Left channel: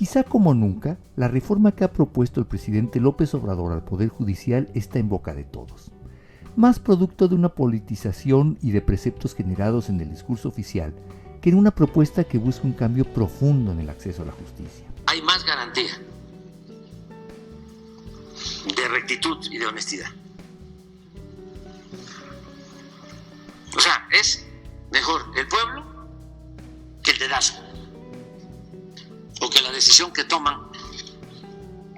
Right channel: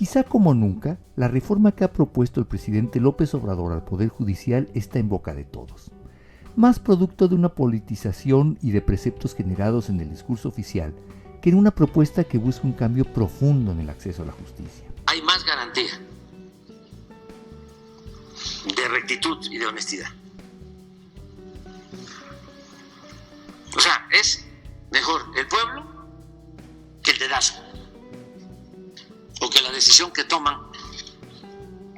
Quizá como nunca, la reforma que ha propuesto el presidente López Obrador al Poder Judicial está en boca de todos. Más producto de una politización y de preceptos generados en el discurso oficial que en una propuesta que busca un cambio profundo en el acceso a la justicia. Hay más garantía de rectitud y de honestidad. O sea, es mejor el pueblo que el dedazo o que la decisión que toman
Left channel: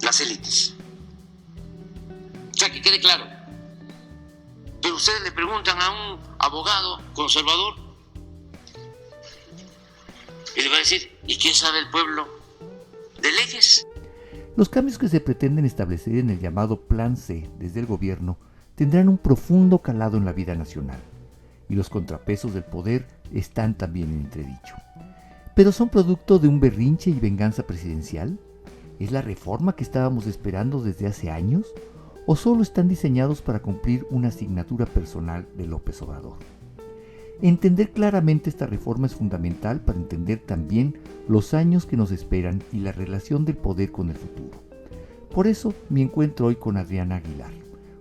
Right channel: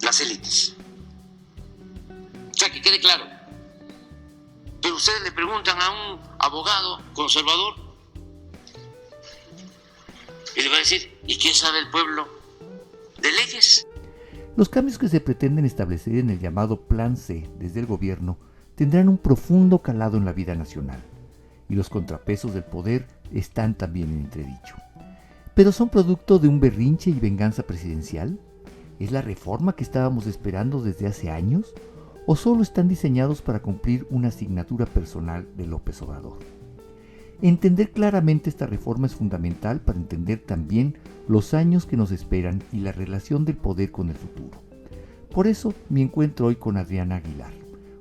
las élites. O sea, que quede claro. Pero ustedes le preguntan a un abogado conservador y le va a decir, ¿y qué sabe el pueblo de leyes? Los cambios que se pretenden establecer en el llamado Plan C desde el gobierno tendrán un profundo calado en la vida nacional, y los contrapesos del poder están también en entredicho. ¿Pero son producto de un berrinche y venganza presidencial? ¿Es la reforma que estábamos esperando desde hace años? ¿O solo están diseñados para cumplir una asignatura personal de López Obrador? Entender claramente esta reforma es fundamental para entender también los años que nos esperan y la relación del poder con el futuro. Por eso me encuentro hoy con Adriana Aguilar,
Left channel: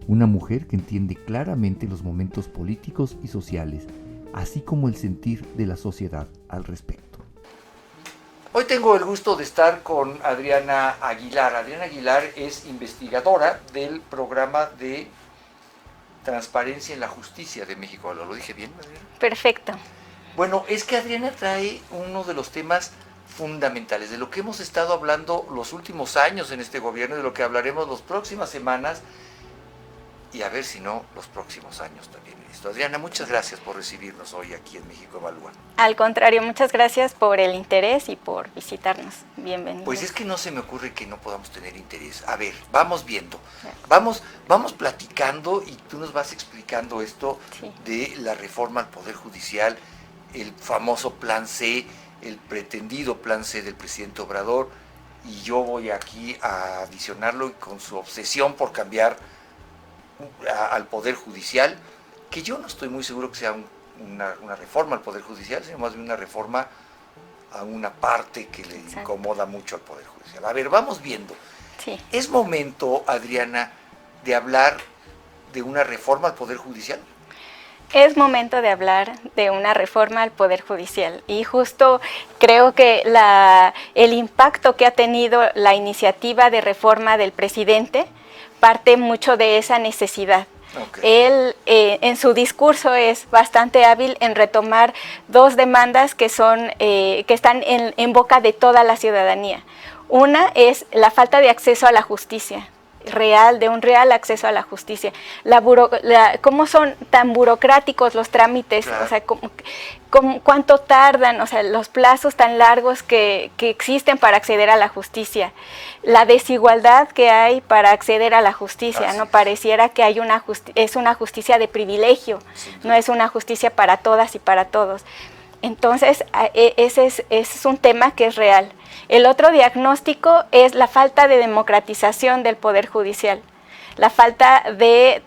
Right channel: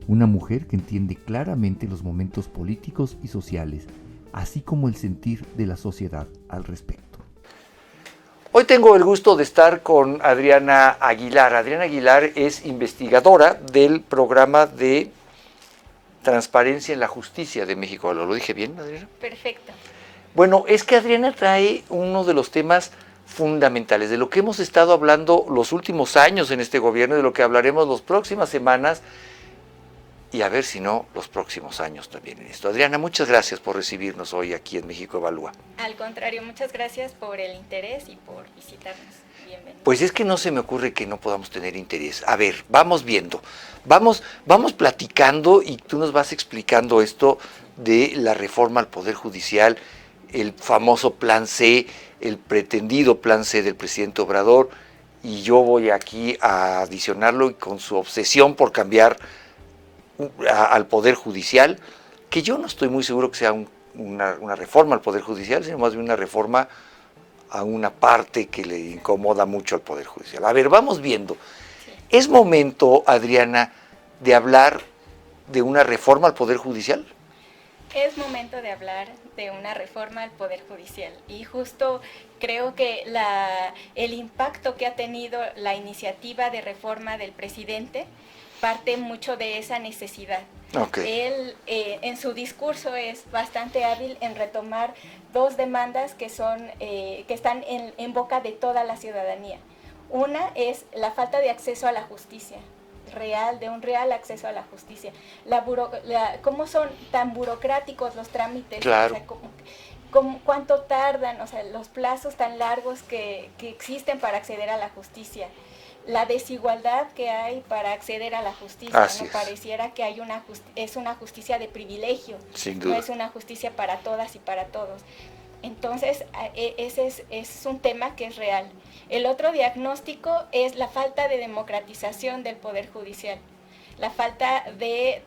una mujer que entiende claramente los momentos políticos y sociales, así como el sentir de la sociedad al respecto. Hoy tengo el gusto de estar con Adriana Aguilar. Adriana Aguilar es investigadora del programa de Transparencia en la Justicia de México. ¿Lo dije bien, Adriana? Perfecto. Bueno, es que Adriana trae uno de los temas fundamentales, de lo que hemos estado hablando los últimos años en este gobierno, de lo que hablaremos las próximas semanas, y a ver si no, los próximos años también en esto. Adriana, muchas gracias por recibirnos hoy aquí en México Evalúa. Al contrario, muchas gracias por el interés y por visitarnos. Bienvenido. Pues es que no se me ocurre que no podamos tener interés. A ver, vamos viendo, vamos platicando y tú nos vas explicando esto de la reforma al Poder Judicial, el famoso Plan C, el pretendido Plan C del presidente Obrador, y yo voy aquí a adicionarlo y con su obsesión por cambiar al Poder Judicial, que yo no estoy muy seguro que sea una reforma al Poder Judicial, sino más bien una reforma a una parte que le incomoda mucho al Poder Judicial. A ver, vamos viendo. Sí. ¿Es momento, Adriana, de hablar de una reforma al Poder Judicial? Es momento de hablar de una reforma al Poder Judicial y justo creo que el impacto que ha tenido la iniciativa de reforma del presidente parte mucho de esa necesidad. Okay. Él en su discurso es bastante hábil en retomar dos demandas que están en boca de toda la ciudadanía. Una es la falta de acceso a la justicia de un real acceso a la justicia. ¿Cómo son tan burocráticos los trámites? Claro. O sea, ¿cuánto tardan? O sea, los plazos tan largos que existen para acceder a la justicia. La desigualdad que hay para acceder a la justicia, Así ¿no? es. Pareciera que hay es una justicia de privilegio, no es una justicia para todas y para todos. Entonces, ese es un tema que es real. El otro diagnóstico es la falta de democratización del Poder Judicial, la falta de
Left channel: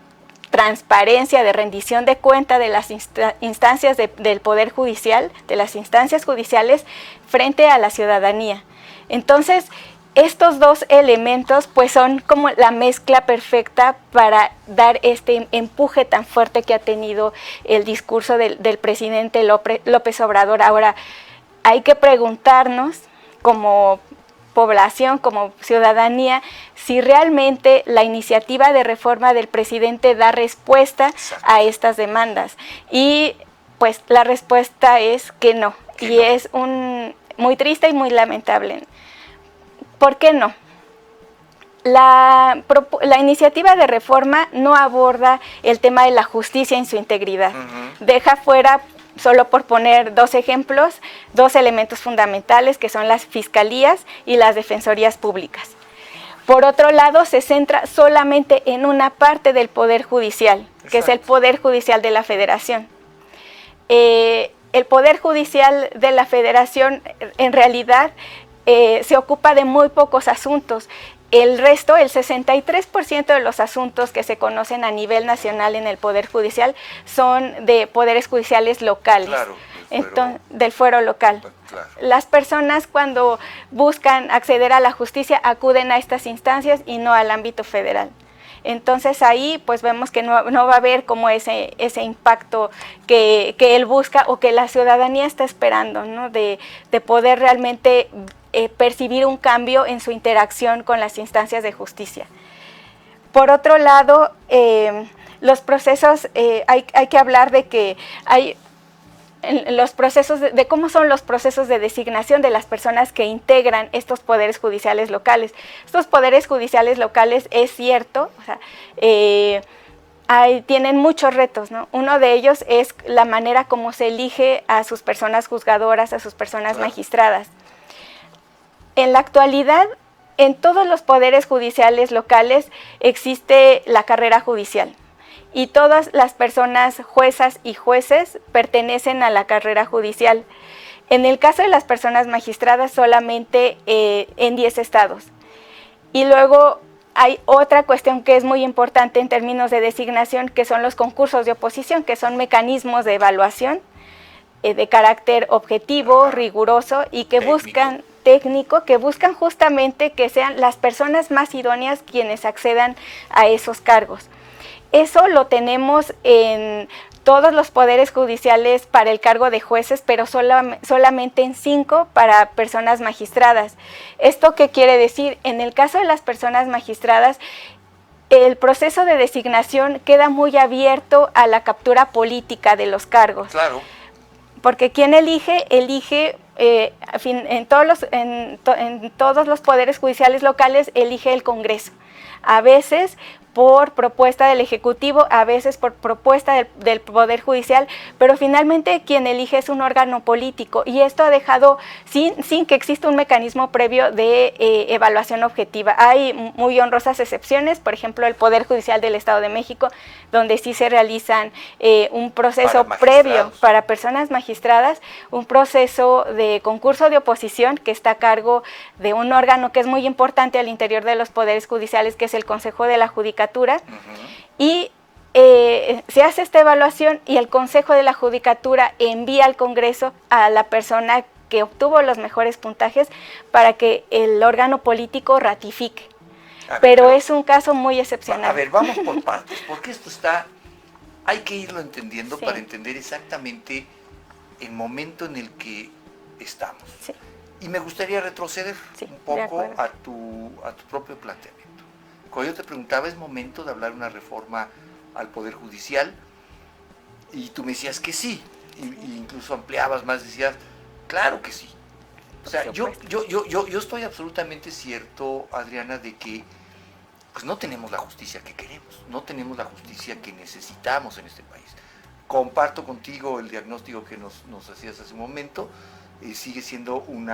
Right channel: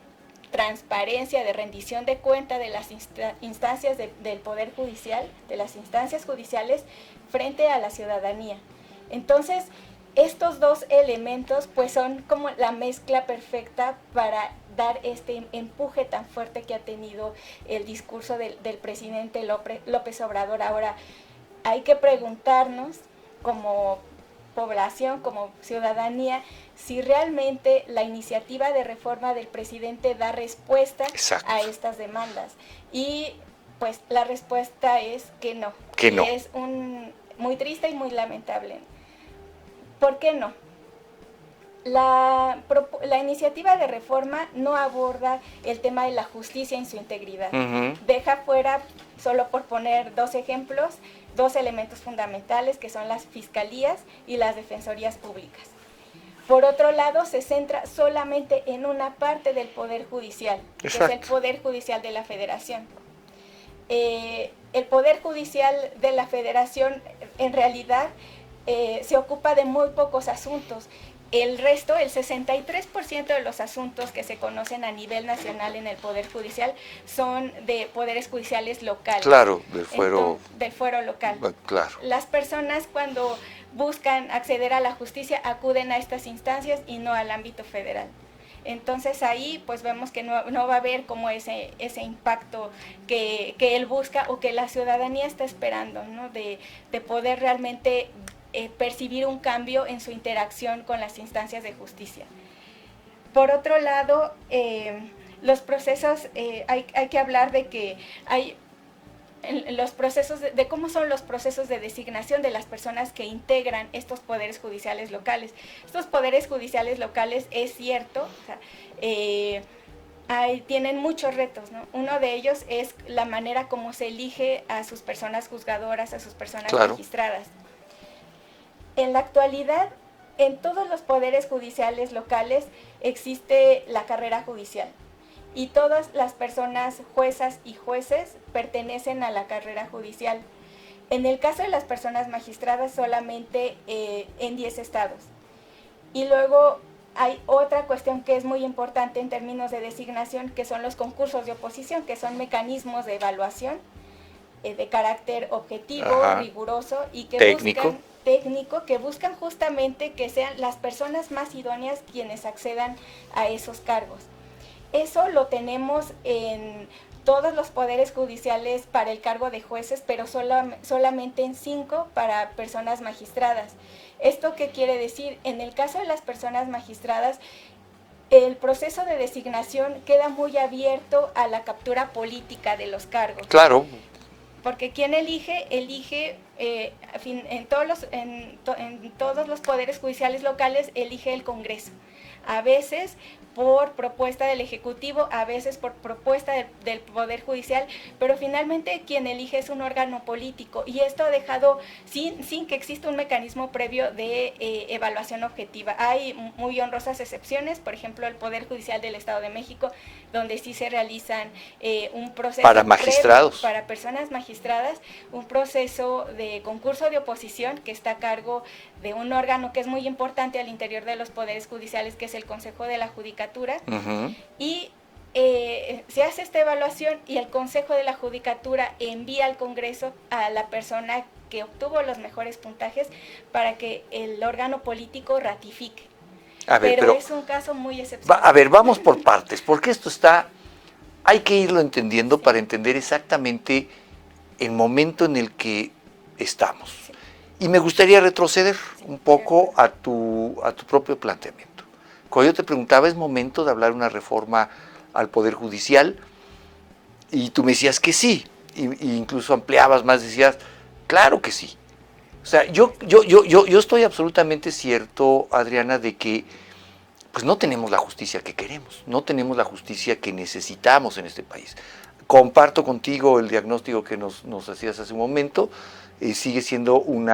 transparencia, de rendición de cuenta de las instancias del Poder Judicial, de las instancias judiciales frente a la ciudadanía. Entonces, estos dos elementos pues son como la mezcla perfecta para dar este empuje tan fuerte que ha tenido el discurso del presidente López Obrador. Ahora, hay que preguntarnos como población, como ciudadanía, si realmente la iniciativa de reforma del presidente da respuesta Exacto. a estas demandas. Y pues la respuesta es que no. Es muy triste y muy lamentable. ¿Por qué no? La iniciativa de reforma no aborda el tema de la justicia en su integridad. Uh-huh. Deja fuera, solo por poner dos ejemplos, dos elementos fundamentales que son las fiscalías y las defensorías públicas. Por otro lado, se centra solamente en una parte del Poder Judicial, Exacto. que es el Poder Judicial de la Federación. El Poder Judicial de la Federación, en realidad, se ocupa de muy pocos asuntos. el resto, el 63% de los asuntos que se conocen a nivel nacional en el Poder Judicial son de poderes judiciales locales. Claro, del fuero local. Claro. Las personas cuando buscan acceder a la justicia acuden a estas instancias y no al ámbito federal. Entonces ahí pues vemos que no va a haber como ese impacto que él busca o que la ciudadanía está esperando, ¿no? De poder realmente percibir un cambio en su interacción con las instancias de justicia. Por otro lado, los procesos, hay que hablar de que hay los procesos de cómo son los procesos de designación de las personas que integran estos poderes judiciales locales. Estos poderes judiciales locales, es cierto, o sea, tienen muchos retos, ¿no? Uno de ellos es la manera como se elige a sus personas juzgadoras, a sus personas magistradas. En la actualidad, en todos los poderes judiciales locales existe la carrera judicial. Y todas las personas juezas y jueces pertenecen a la carrera judicial. En el caso de las personas magistradas, solamente en 10 estados. Y luego hay otra cuestión que es muy importante en términos de designación, que son los concursos de oposición, que son mecanismos de evaluación de carácter objetivo, riguroso y que buscan que buscan justamente que sean las personas más idóneas quienes accedan a esos cargos. Eso lo tenemos en todos los poderes judiciales para el cargo de jueces, pero solamente en 5 para personas magistradas. ¿Esto qué quiere decir? En el caso de las personas magistradas, el proceso de designación queda muy abierto a la captura política de los cargos. Claro. Porque quien elige en todos los poderes judiciales locales, elige el Congreso. A veces por propuesta del Ejecutivo, a veces por propuesta del Poder Judicial, pero finalmente quien elige es un órgano político, y esto ha dejado sin que exista un mecanismo previo de evaluación objetiva. Hay muy honrosas excepciones, por ejemplo, el Poder Judicial del Estado de México, donde sí se realizan un proceso previo para personas magistradas, un proceso de concurso de oposición que está a cargo de un órgano que es muy importante al interior de los poderes judiciales, que es el Consejo de la Judicatura, y se hace esta evaluación y el Consejo de la Judicatura envía al Congreso a la persona que obtuvo los mejores puntajes para que el órgano político ratifique. Pero es un caso muy excepcional. A ver, vamos por partes, porque esto hay que irlo entendiendo para entender exactamente el momento en el que estamos. Sí. Y me gustaría retroceder un poco a tu propio planteamiento. Cuando yo te preguntaba, ¿es momento de hablar de una reforma al Poder Judicial? Y tú me decías que sí, y incluso ampliabas más, decías, claro que sí. O sea, yo estoy absolutamente cierto, Adriana, de que pues no tenemos la justicia que queremos, no tenemos la justicia que necesitamos en este país. Comparto contigo el diagnóstico que nos hacías hace un momento, sigue siendo un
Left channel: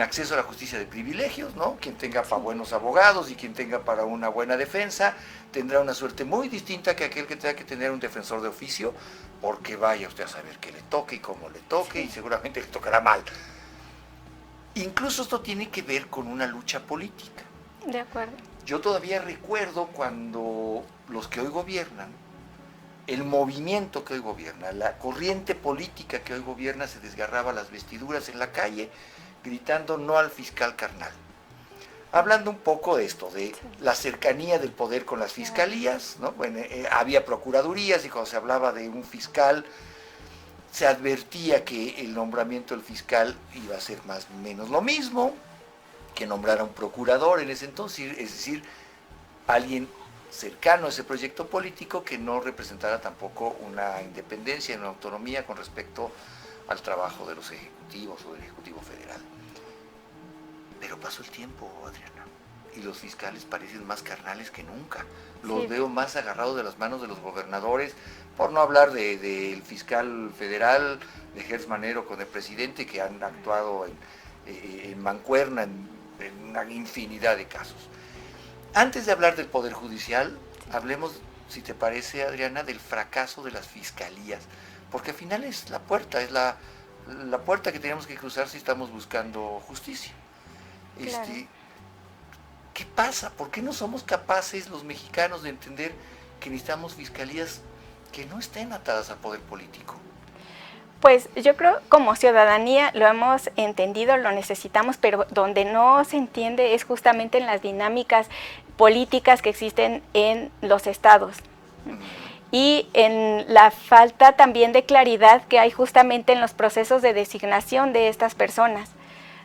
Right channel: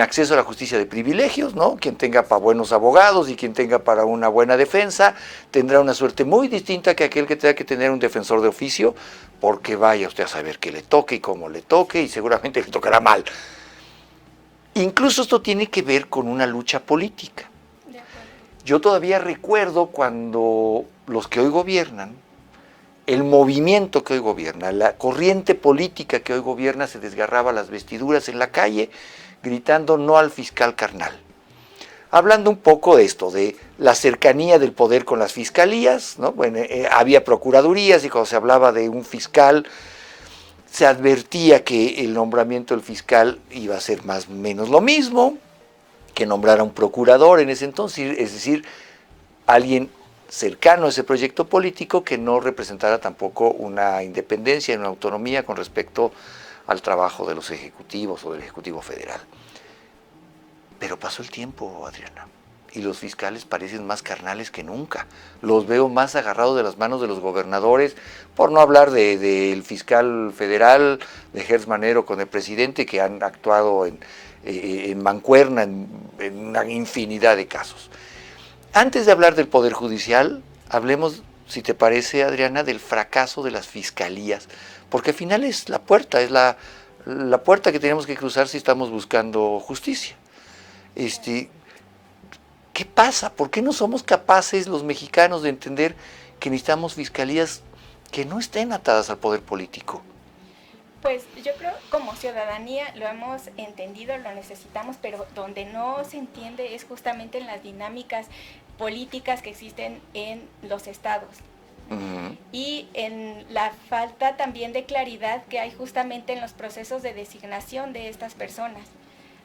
acceso a la justicia de privilegios, ¿no? Quien tenga para buenos abogados y quien tenga para una buena defensa tendrá una suerte muy distinta que aquel que tenga que tener un defensor de oficio, porque vaya usted a saber qué le toque y cómo le toque, y seguramente le tocará mal. Incluso esto tiene que ver con una lucha política. De acuerdo. Yo todavía recuerdo cuando los que hoy gobiernan, el movimiento que hoy gobierna, la corriente política que hoy gobierna, se desgarraba las vestiduras en la calle gritando no al fiscal carnal. Hablando un poco de esto, de la cercanía del poder con las fiscalías, ¿no? Bueno, había procuradurías y cuando se hablaba de un fiscal, se advertía que el nombramiento del fiscal iba a ser más o menos lo mismo que nombrar a un procurador en ese entonces, es decir, alguien cercano a ese proyecto político que no representara tampoco una independencia, una autonomía con respecto al trabajo de los ejecutivos o del Ejecutivo Federal. Pero pasó el tiempo, Adriana, y los fiscales parecen más carnales que nunca. Los veo más agarrados de las manos de los gobernadores, por no hablar del fiscal federal, de Gertz Manero con el presidente, que han actuado en mancuerna en una infinidad de casos. Antes de hablar del Poder Judicial, hablemos, si te parece, Adriana, del fracaso de las fiscalías, porque al final es la puerta, la puerta que tenemos que cruzar si estamos buscando justicia. ¿Qué ¿Qué pasa? ¿Por qué no somos capaces los mexicanos de entender que necesitamos fiscalías que no estén atadas al poder político? Pues yo creo como ciudadanía lo hemos entendido, lo necesitamos, pero donde no se entiende es justamente en las dinámicas políticas que existen en los estados. Y en la falta también de claridad que hay justamente en los procesos de designación de estas personas.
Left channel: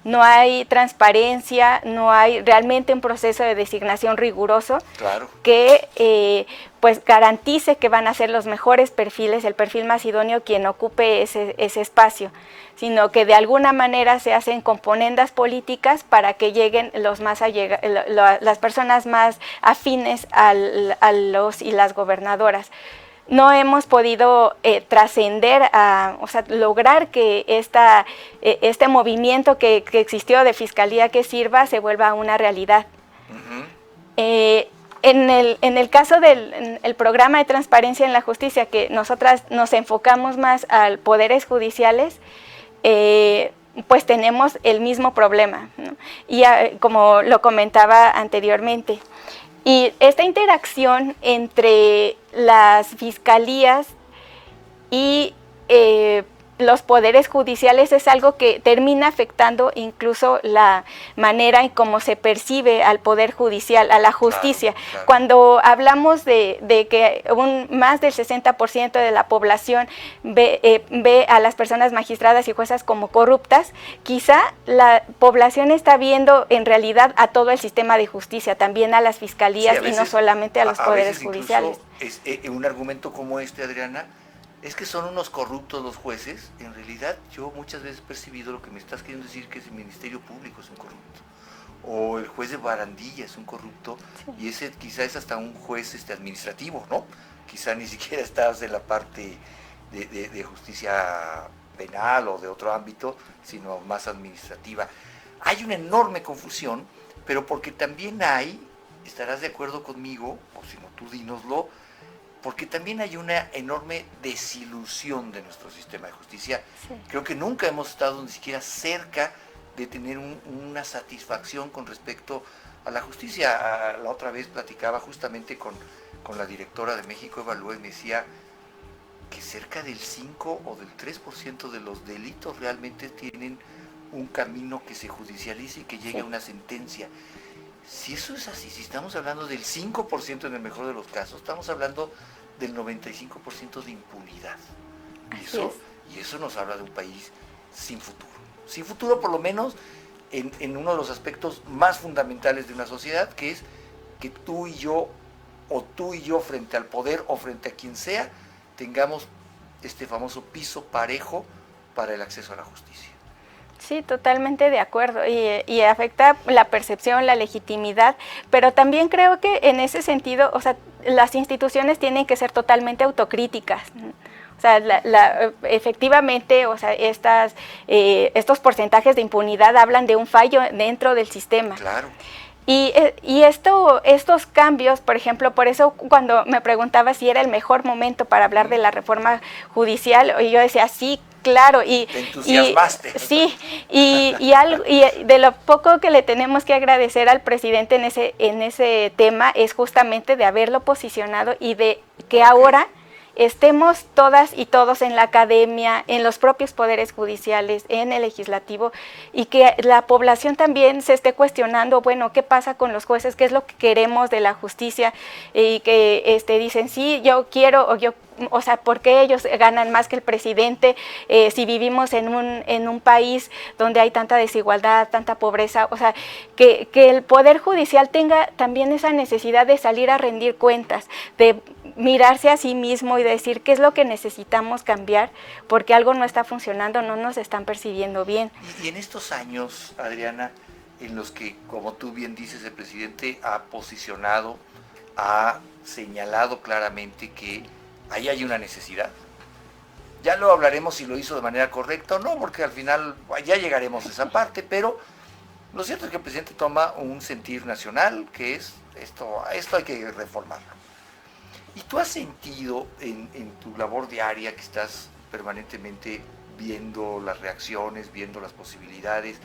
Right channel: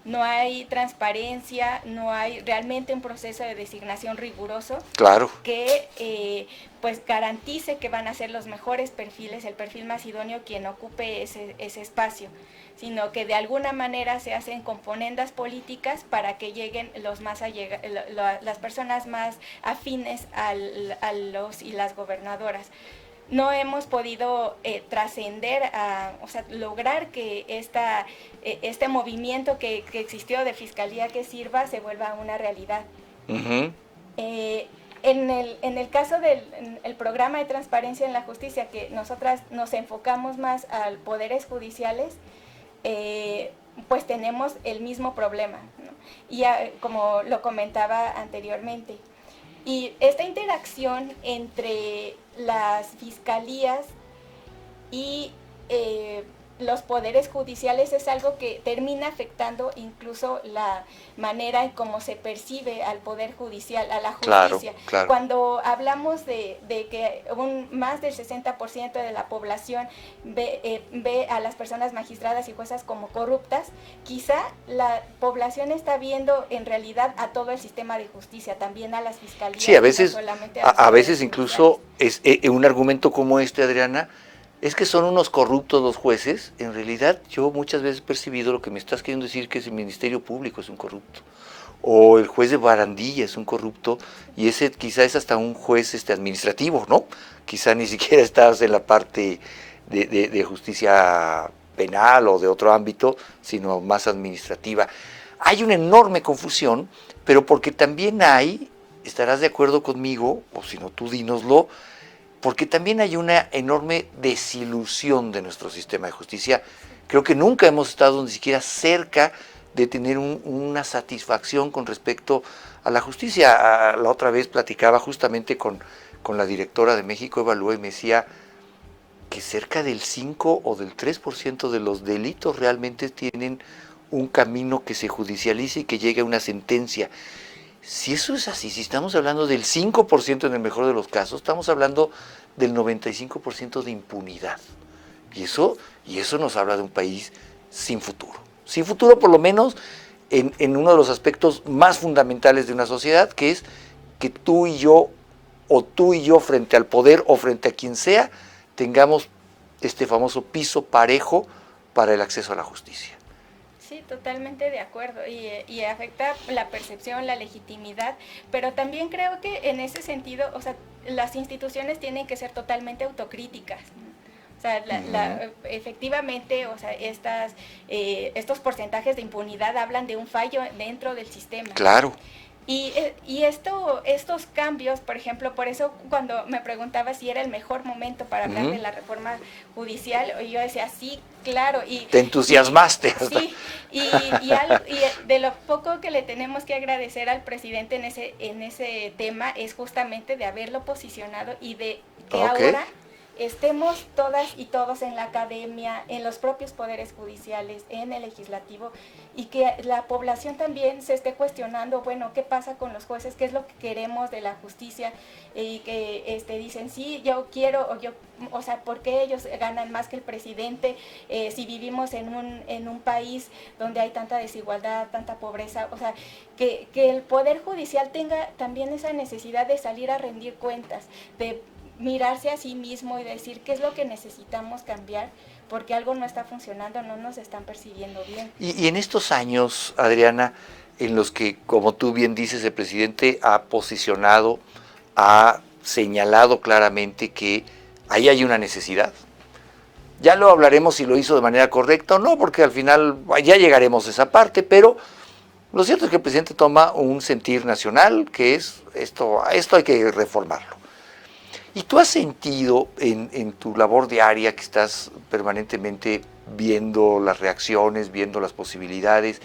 No hay transparencia, no hay realmente un proceso de designación riguroso, claro, que pues garantice que van a ser los mejores perfiles, el perfil más idóneo quien ocupe ese espacio, sino que de alguna manera se hacen componendas políticas para que lleguen las personas más afines a los y las gobernadoras. No hemos podido trascender, o sea, lograr que este movimiento que existió de fiscalía que sirva se vuelva una realidad. En el caso del programa de transparencia en la justicia, que nosotras nos enfocamos más a poderes judiciales, pues tenemos el mismo problema, ¿no? Y como lo comentaba anteriormente. Y esta interacción entre las fiscalías y los poderes judiciales es algo que termina afectando incluso la manera en cómo se percibe al poder judicial, a la justicia. Claro, claro. Cuando hablamos de que más del 60% de la población ve a las personas magistradas y juezas como corruptas, quizá la población está viendo en realidad a todo el sistema de justicia, también a las fiscalías, sí, a veces, y no solamente a los poderes veces judiciales. Incluso un argumento como este, Adriana, es que son unos corruptos los jueces. En realidad yo muchas veces he percibido lo que me estás queriendo decir, que es el Ministerio Público es un corrupto, o el juez de barandilla es un corrupto, y ese quizá es hasta un juez administrativo, ¿no? Quizá ni siquiera estás en la parte de justicia penal o de otro ámbito, sino más administrativa. Hay una enorme confusión, pero porque también estarás de acuerdo conmigo, o si no tú dínoslo, porque también hay una enorme desilusión de nuestro sistema de justicia. Sí. Creo que nunca hemos estado ni siquiera cerca de tener una satisfacción con respecto a la justicia. La otra vez platicaba justamente con la directora de México Evalúa y me decía que cerca del 5 o del 3% de los delitos realmente tienen un camino que se judicialice y que llegue a una sentencia. Si eso es así, si estamos hablando del 5% en el mejor de los casos, estamos hablando del 95% de impunidad. Y eso nos habla de un país sin futuro. Sin futuro, por lo menos, en uno de los aspectos más fundamentales de una sociedad, que es que tú y yo, o tú y yo frente al poder o frente a quien sea, tengamos este famoso piso parejo para el acceso a la justicia. Sí, totalmente de acuerdo, y afecta la percepción, la legitimidad, pero también creo que en ese sentido, o sea, las instituciones tienen que ser totalmente autocríticas. O sea, efectivamente, o sea, estos porcentajes de impunidad hablan de un fallo dentro del sistema. Claro. Y estos cambios, por ejemplo, por eso cuando me preguntaba si era el mejor momento para hablar de la reforma judicial, yo decía sí, claro. Te entusiasmaste. Sí, y de lo poco que le tenemos que agradecer al presidente en ese tema es justamente de haberlo posicionado y de que ahora estemos todas y todos en la academia, en los propios poderes judiciales, en el legislativo, y que la población también se esté cuestionando, bueno, ¿qué pasa con los jueces? ¿Qué es lo que queremos de la justicia? Y que dicen, sí, yo quiero, o sea, ¿por qué ellos ganan más que el presidente si vivimos en un país donde hay tanta desigualdad, tanta pobreza? O sea, que el Poder Judicial tenga también esa necesidad de salir a rendir cuentas, de mirarse a sí mismo y decir qué es lo que necesitamos cambiar, porque algo no está funcionando, no nos están percibiendo bien. Y en estos años, Adriana, en los que, como tú bien dices, el presidente ha posicionado, ha señalado claramente que ahí hay una necesidad. Ya lo hablaremos si lo hizo de manera correcta o no, porque al final ya llegaremos a esa parte, pero lo cierto es que el presidente toma un sentir nacional, que es esto hay que reformarlo. ¿Y tú has sentido en tu labor diaria, que estás permanentemente viendo las reacciones, viendo las posibilidades,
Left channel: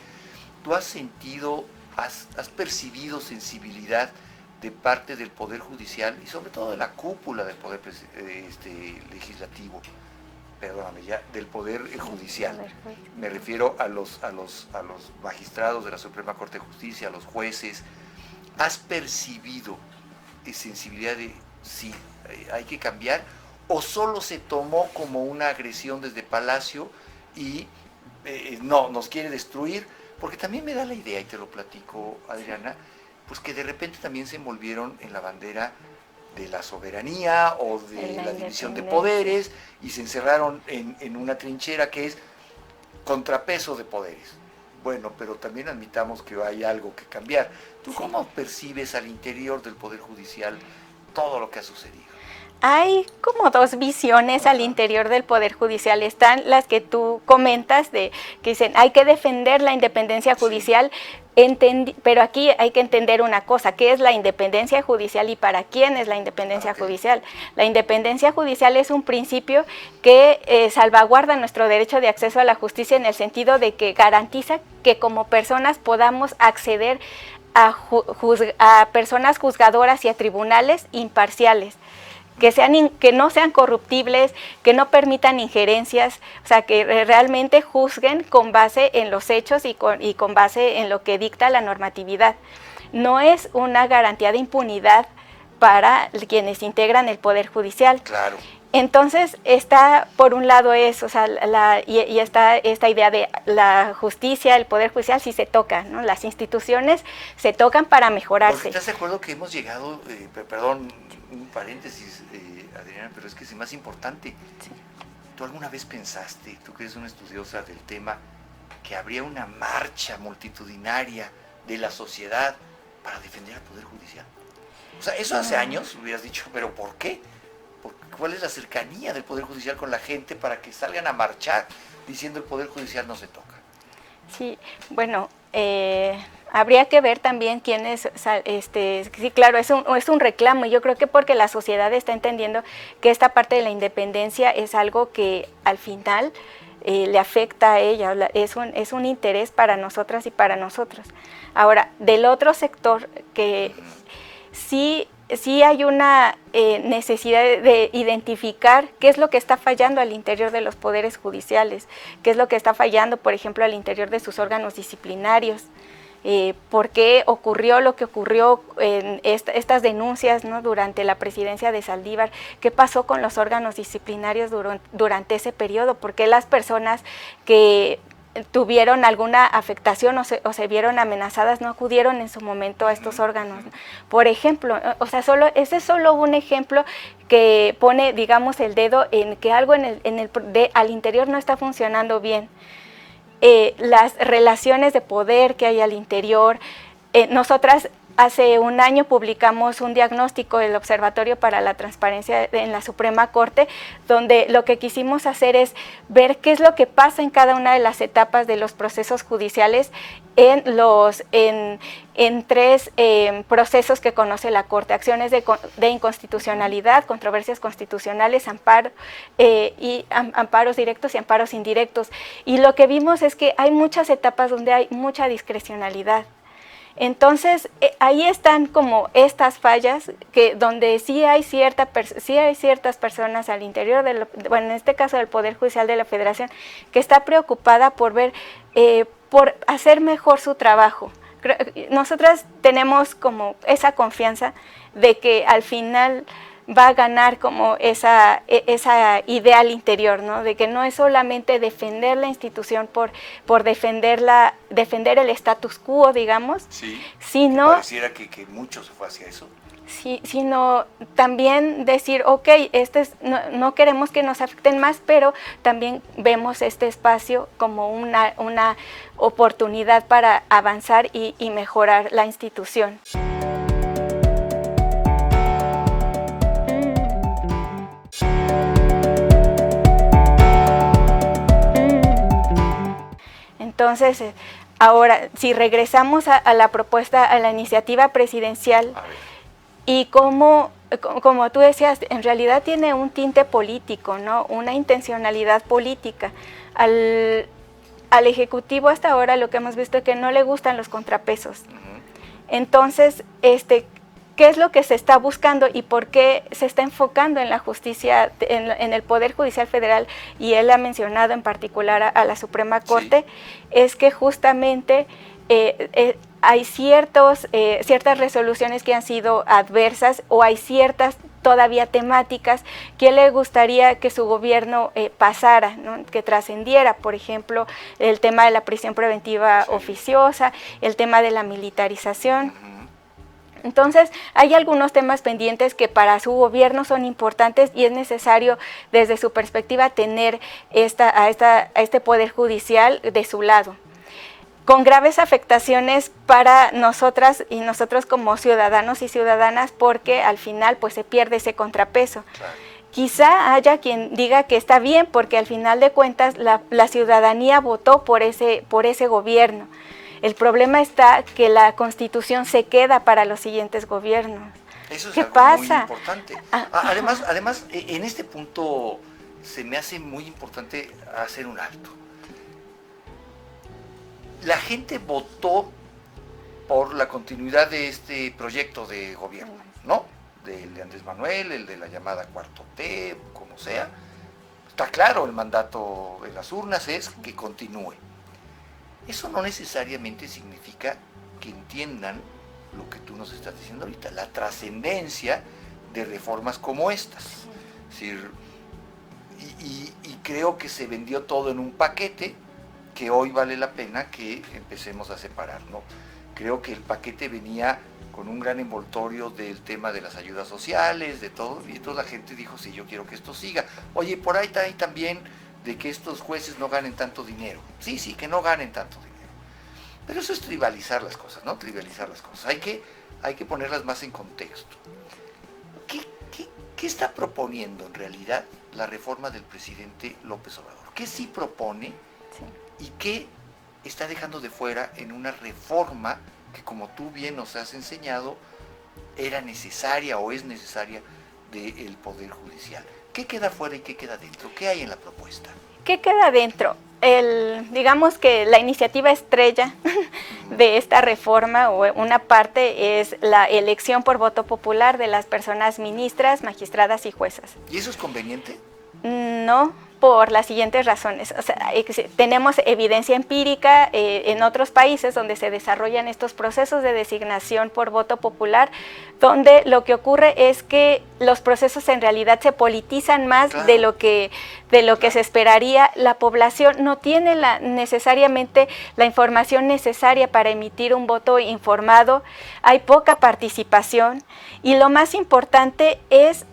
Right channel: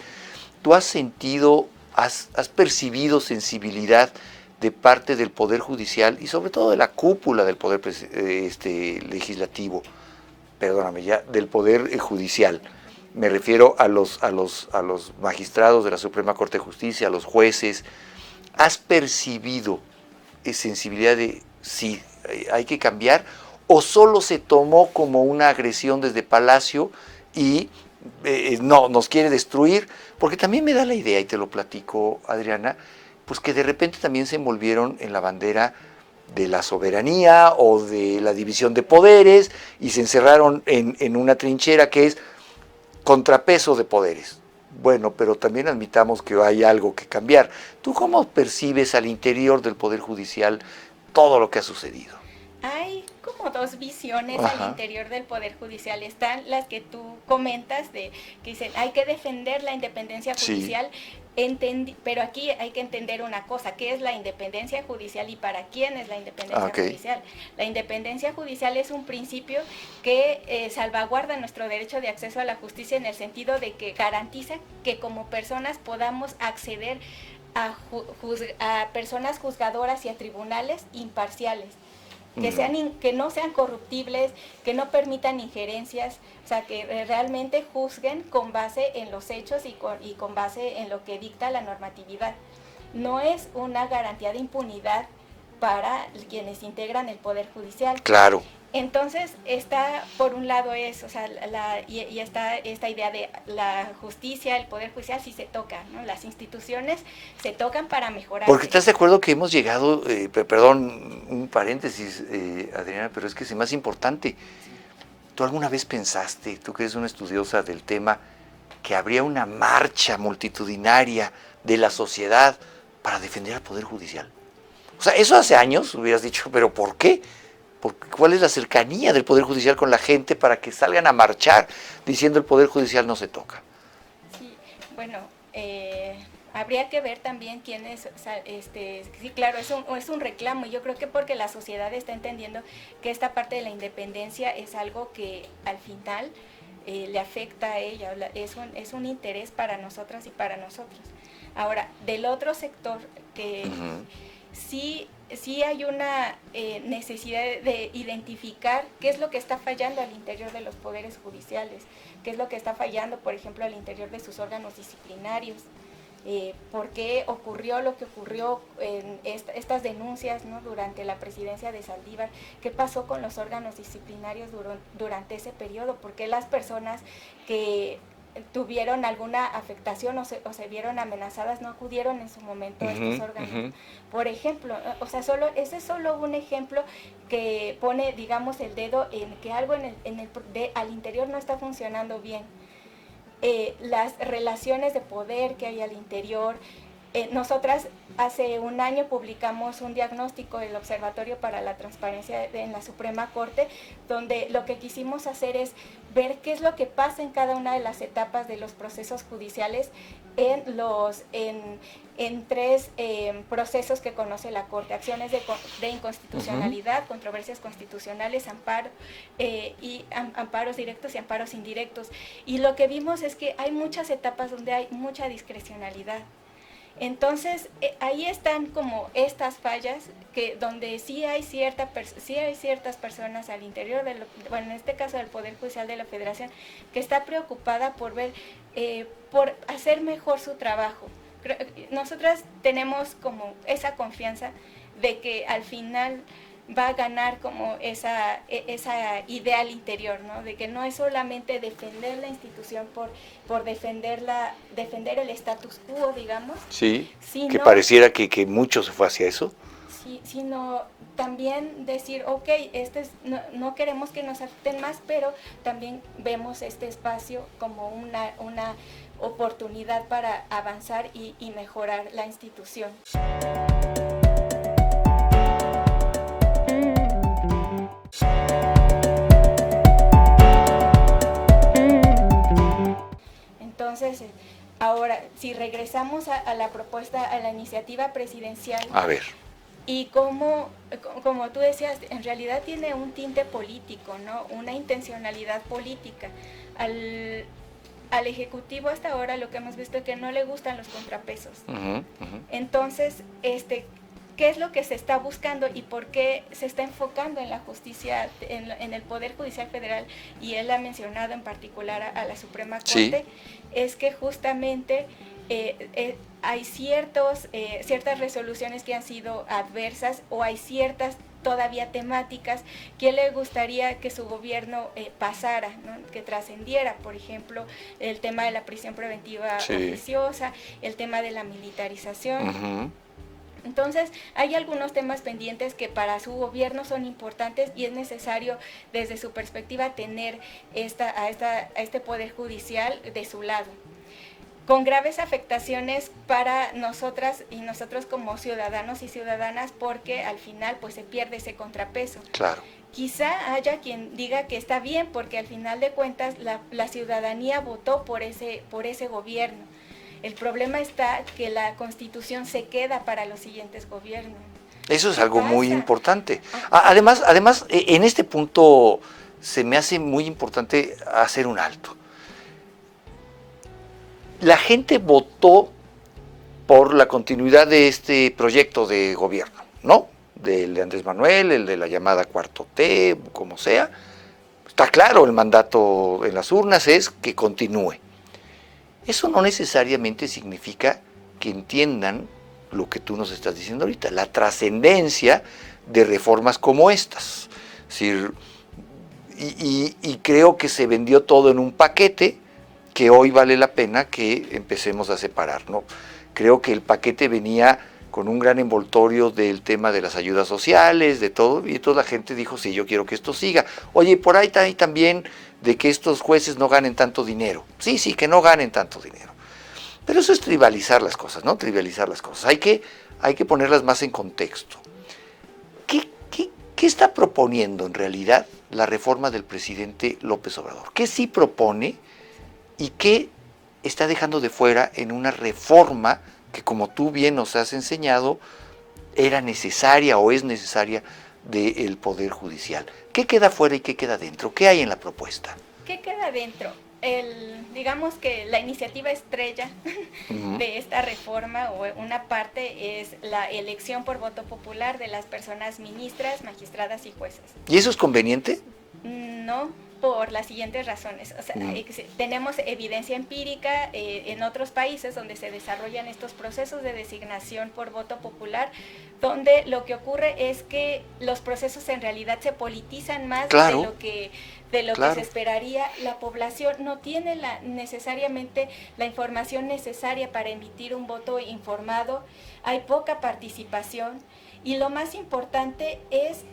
tú has sentido ¿Has percibido sensibilidad de parte del Poder Judicial y sobre todo de la cúpula del Poder Legislativo, perdóname ya, del Poder Judicial? Me refiero a los magistrados de la Suprema Corte de Justicia, a los jueces. ¿Has percibido sensibilidad de sí, hay que cambiar, o solo se tomó como una agresión desde Palacio y no, nos quiere destruir? Porque también me da la idea, y te lo platico, Adriana, pues que de repente también se envolvieron en la bandera de la soberanía o de la división de poderes y se encerraron en una trinchera que es contrapeso de poderes. Bueno, pero también admitamos que hay algo que cambiar. ¿Tú cómo percibes al interior del Poder Judicial todo lo que ha sucedido? Hay como dos visiones Ajá. al interior del Poder Judicial. Están las que tú comentas, que dicen hay que defender la independencia judicial, pero aquí hay que entender una cosa: ¿qué es la independencia judicial y para quién es la independencia judicial? La independencia judicial es un principio que salvaguarda nuestro derecho de acceso a la justicia, en el sentido de que garantiza que como personas podamos acceder a personas juzgadoras y a tribunales imparciales, que no sean corruptibles, que no permitan injerencias, o sea, que realmente juzguen con base en los hechos y con base en lo que dicta la normatividad. No es una garantía de impunidad para quienes integran el Poder Judicial. Claro. Entonces está, por un lado, eso, o sea, y está esta idea de la justicia, el Poder Judicial, sí se toca, ¿no? Las instituciones se tocan para mejorarse. Porque estás de acuerdo que hemos llegado, perdón, un paréntesis, Adriana, pero es que es más importante. ¿Tú alguna vez pensaste, tú que eres una estudiosa del tema, que habría una marcha multitudinaria de la sociedad para defender al Poder Judicial? O sea, eso hace años hubieras dicho, pero ¿por qué? ¿Cuál es la cercanía del Poder Judicial con la gente para que salgan a marchar diciendo el Poder Judicial no se toca? Sí, bueno, habría que ver también quiénes, sí, claro, es un reclamo, y yo creo que porque la sociedad está entendiendo que esta parte de la independencia es algo que al final le afecta a ella, es un interés para nosotras y para nosotros. Ahora, del otro sector, que sí hay una necesidad de identificar qué es lo que está fallando al interior de los poderes judiciales, qué es lo que está fallando, por ejemplo, al interior de sus órganos disciplinarios, por qué ocurrió lo que ocurrió en estas denuncias, ¿no? Durante la presidencia de Saldívar, qué pasó con los órganos disciplinarios durante ese periodo, por qué las personas que tuvieron alguna afectación o se vieron amenazadas no acudieron en su momento a estos órganos. Por ejemplo, o sea, ese es solo un ejemplo que pone, digamos, el dedo en que algo al interior no está funcionando bien. Las relaciones de poder que hay al interior. Nosotras hace un año publicamos un diagnóstico del Observatorio para la Transparencia en la Suprema Corte, donde lo que quisimos hacer es ver qué es lo que pasa en cada una de las etapas de los procesos judiciales en tres procesos que conoce la Corte: acciones de inconstitucionalidad, controversias constitucionales, amparos directos y amparos indirectos. Y lo que vimos es que hay muchas etapas donde hay mucha discrecionalidad. Entonces, ahí están como estas fallas, donde sí hay ciertas personas al interior, bueno, en este caso del Poder Judicial de la Federación, que está preocupada por por hacer mejor su trabajo. Nosotras tenemos como esa confianza de que al final va a ganar como esa idea al interior, ¿no? De que no es solamente defender la institución por defender el status quo, digamos. Sí, sino, que pareciera que mucho se fue hacia eso. Sí, sino también decir, ok, no queremos que nos afecten más, pero también vemos este espacio como una oportunidad para avanzar y mejorar la institución. Entonces, ahora, si regresamos a la propuesta, a la iniciativa presidencial, a ver, y como tú decías, en realidad tiene un tinte político, ¿no? Una intencionalidad política. al Ejecutivo hasta ahora lo que hemos visto es que no le gustan los contrapesos. Ujú. Entonces, ¿qué es lo que se está buscando y por qué se está enfocando en la justicia, en el Poder Judicial Federal? Y él ha mencionado en particular a la Suprema Corte, es que justamente hay ciertas resoluciones que han sido adversas o hay ciertas todavía temáticas que le gustaría que su gobierno pasara, ¿no? Que trascendiera, por ejemplo, el tema de la prisión preventiva oficiosa, el tema de la militarización. Ujú. Entonces, hay algunos temas pendientes que para su gobierno son importantes y es necesario, desde su perspectiva, tener a este Poder Judicial de su lado, con graves afectaciones para nosotras y nosotros como ciudadanos y ciudadanas, porque al final pues se pierde ese contrapeso. Claro. Quizá haya quien diga que está bien, porque al final de cuentas la ciudadanía votó por ese gobierno. El problema está que la Constitución se queda para los siguientes gobiernos. Eso es ¿Qué algo pasa? muy importante. Además, en este punto se me hace muy importante hacer un alto. La gente votó por la continuidad de este proyecto de gobierno, ¿no? Del de Andrés Manuel, el de la llamada Cuarto T, como sea. Está claro, el mandato en las urnas es que continúe. Eso no necesariamente significa que entiendan lo que tú nos estás diciendo ahorita, la trascendencia de reformas como estas. Es decir, y creo que se vendió todo en un paquete que hoy vale la pena que empecemos a separar, ¿no? Creo que el paquete venía con un gran envoltorio del tema de las ayudas sociales, de todo, y toda la gente dijo, sí, yo quiero que esto siga. Oye, por ahí también de que estos jueces no ganen tanto dinero. Sí, que no ganen tanto dinero. Pero eso es trivializar las cosas, ¿no? Trivializar las cosas. Hay que ponerlas más en contexto. ¿Qué está proponiendo en realidad la reforma del presidente López Obrador? ¿Qué sí propone y qué está dejando de fuera en una reforma que, como tú bien nos has enseñado, era necesaria o es necesaria del Poder Judicial? ¿Qué queda fuera y qué queda dentro? ¿Qué hay en la propuesta? ¿Qué queda dentro? Digamos que la iniciativa estrella de esta reforma, o una parte, es la elección por voto popular de las personas ministras, magistradas y juezas. ¿Y eso es conveniente? No, por las siguientes razones. O sea, tenemos evidencia empírica en otros países donde se desarrollan estos procesos de designación por voto popular, donde lo que ocurre es que los procesos en realidad se politizan más de lo que se esperaría. La población no tiene necesariamente la información necesaria para emitir un voto informado, hay poca participación, y lo más importante es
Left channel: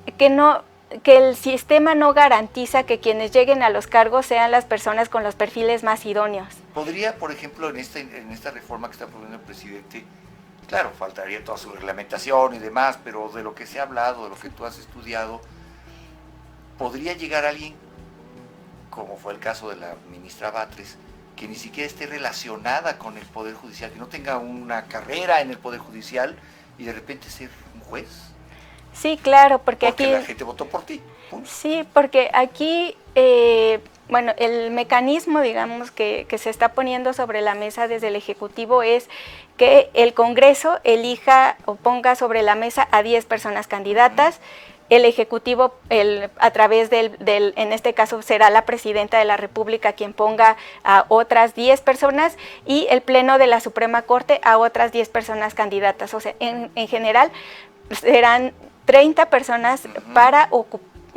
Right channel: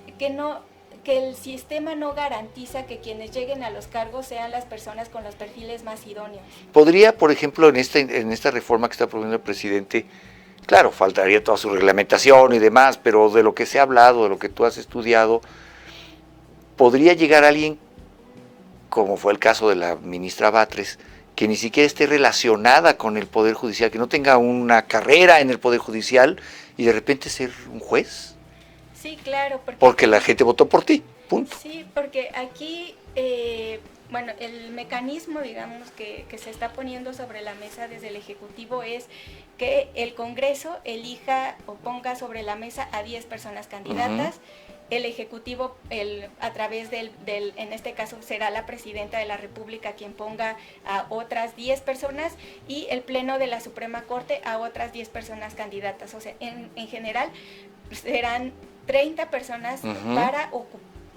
que el sistema no garantiza que quienes lleguen a los cargos sean las personas con los perfiles más idóneos. ¿Podría, por ejemplo, en esta reforma que está proponiendo el presidente, claro, faltaría toda su reglamentación y demás, pero de lo que se ha hablado, de lo que tú has estudiado, podría llegar alguien, como fue el caso de la ministra Batres, que ni siquiera esté relacionada con el Poder Judicial, que no tenga una carrera en el Poder Judicial y de repente ser un juez? Sí, claro, porque aquí, la gente votó por ti, punto. Sí, porque aquí, el mecanismo, digamos, que se está poniendo sobre la mesa desde el Ejecutivo es que el Congreso elija o ponga sobre la mesa a 10 personas candidatas. El Ejecutivo, a través en este caso será la Presidenta de la República quien ponga a otras 10 personas, y el Pleno de la Suprema Corte a otras 10 personas candidatas. O sea, en general serán 30 personas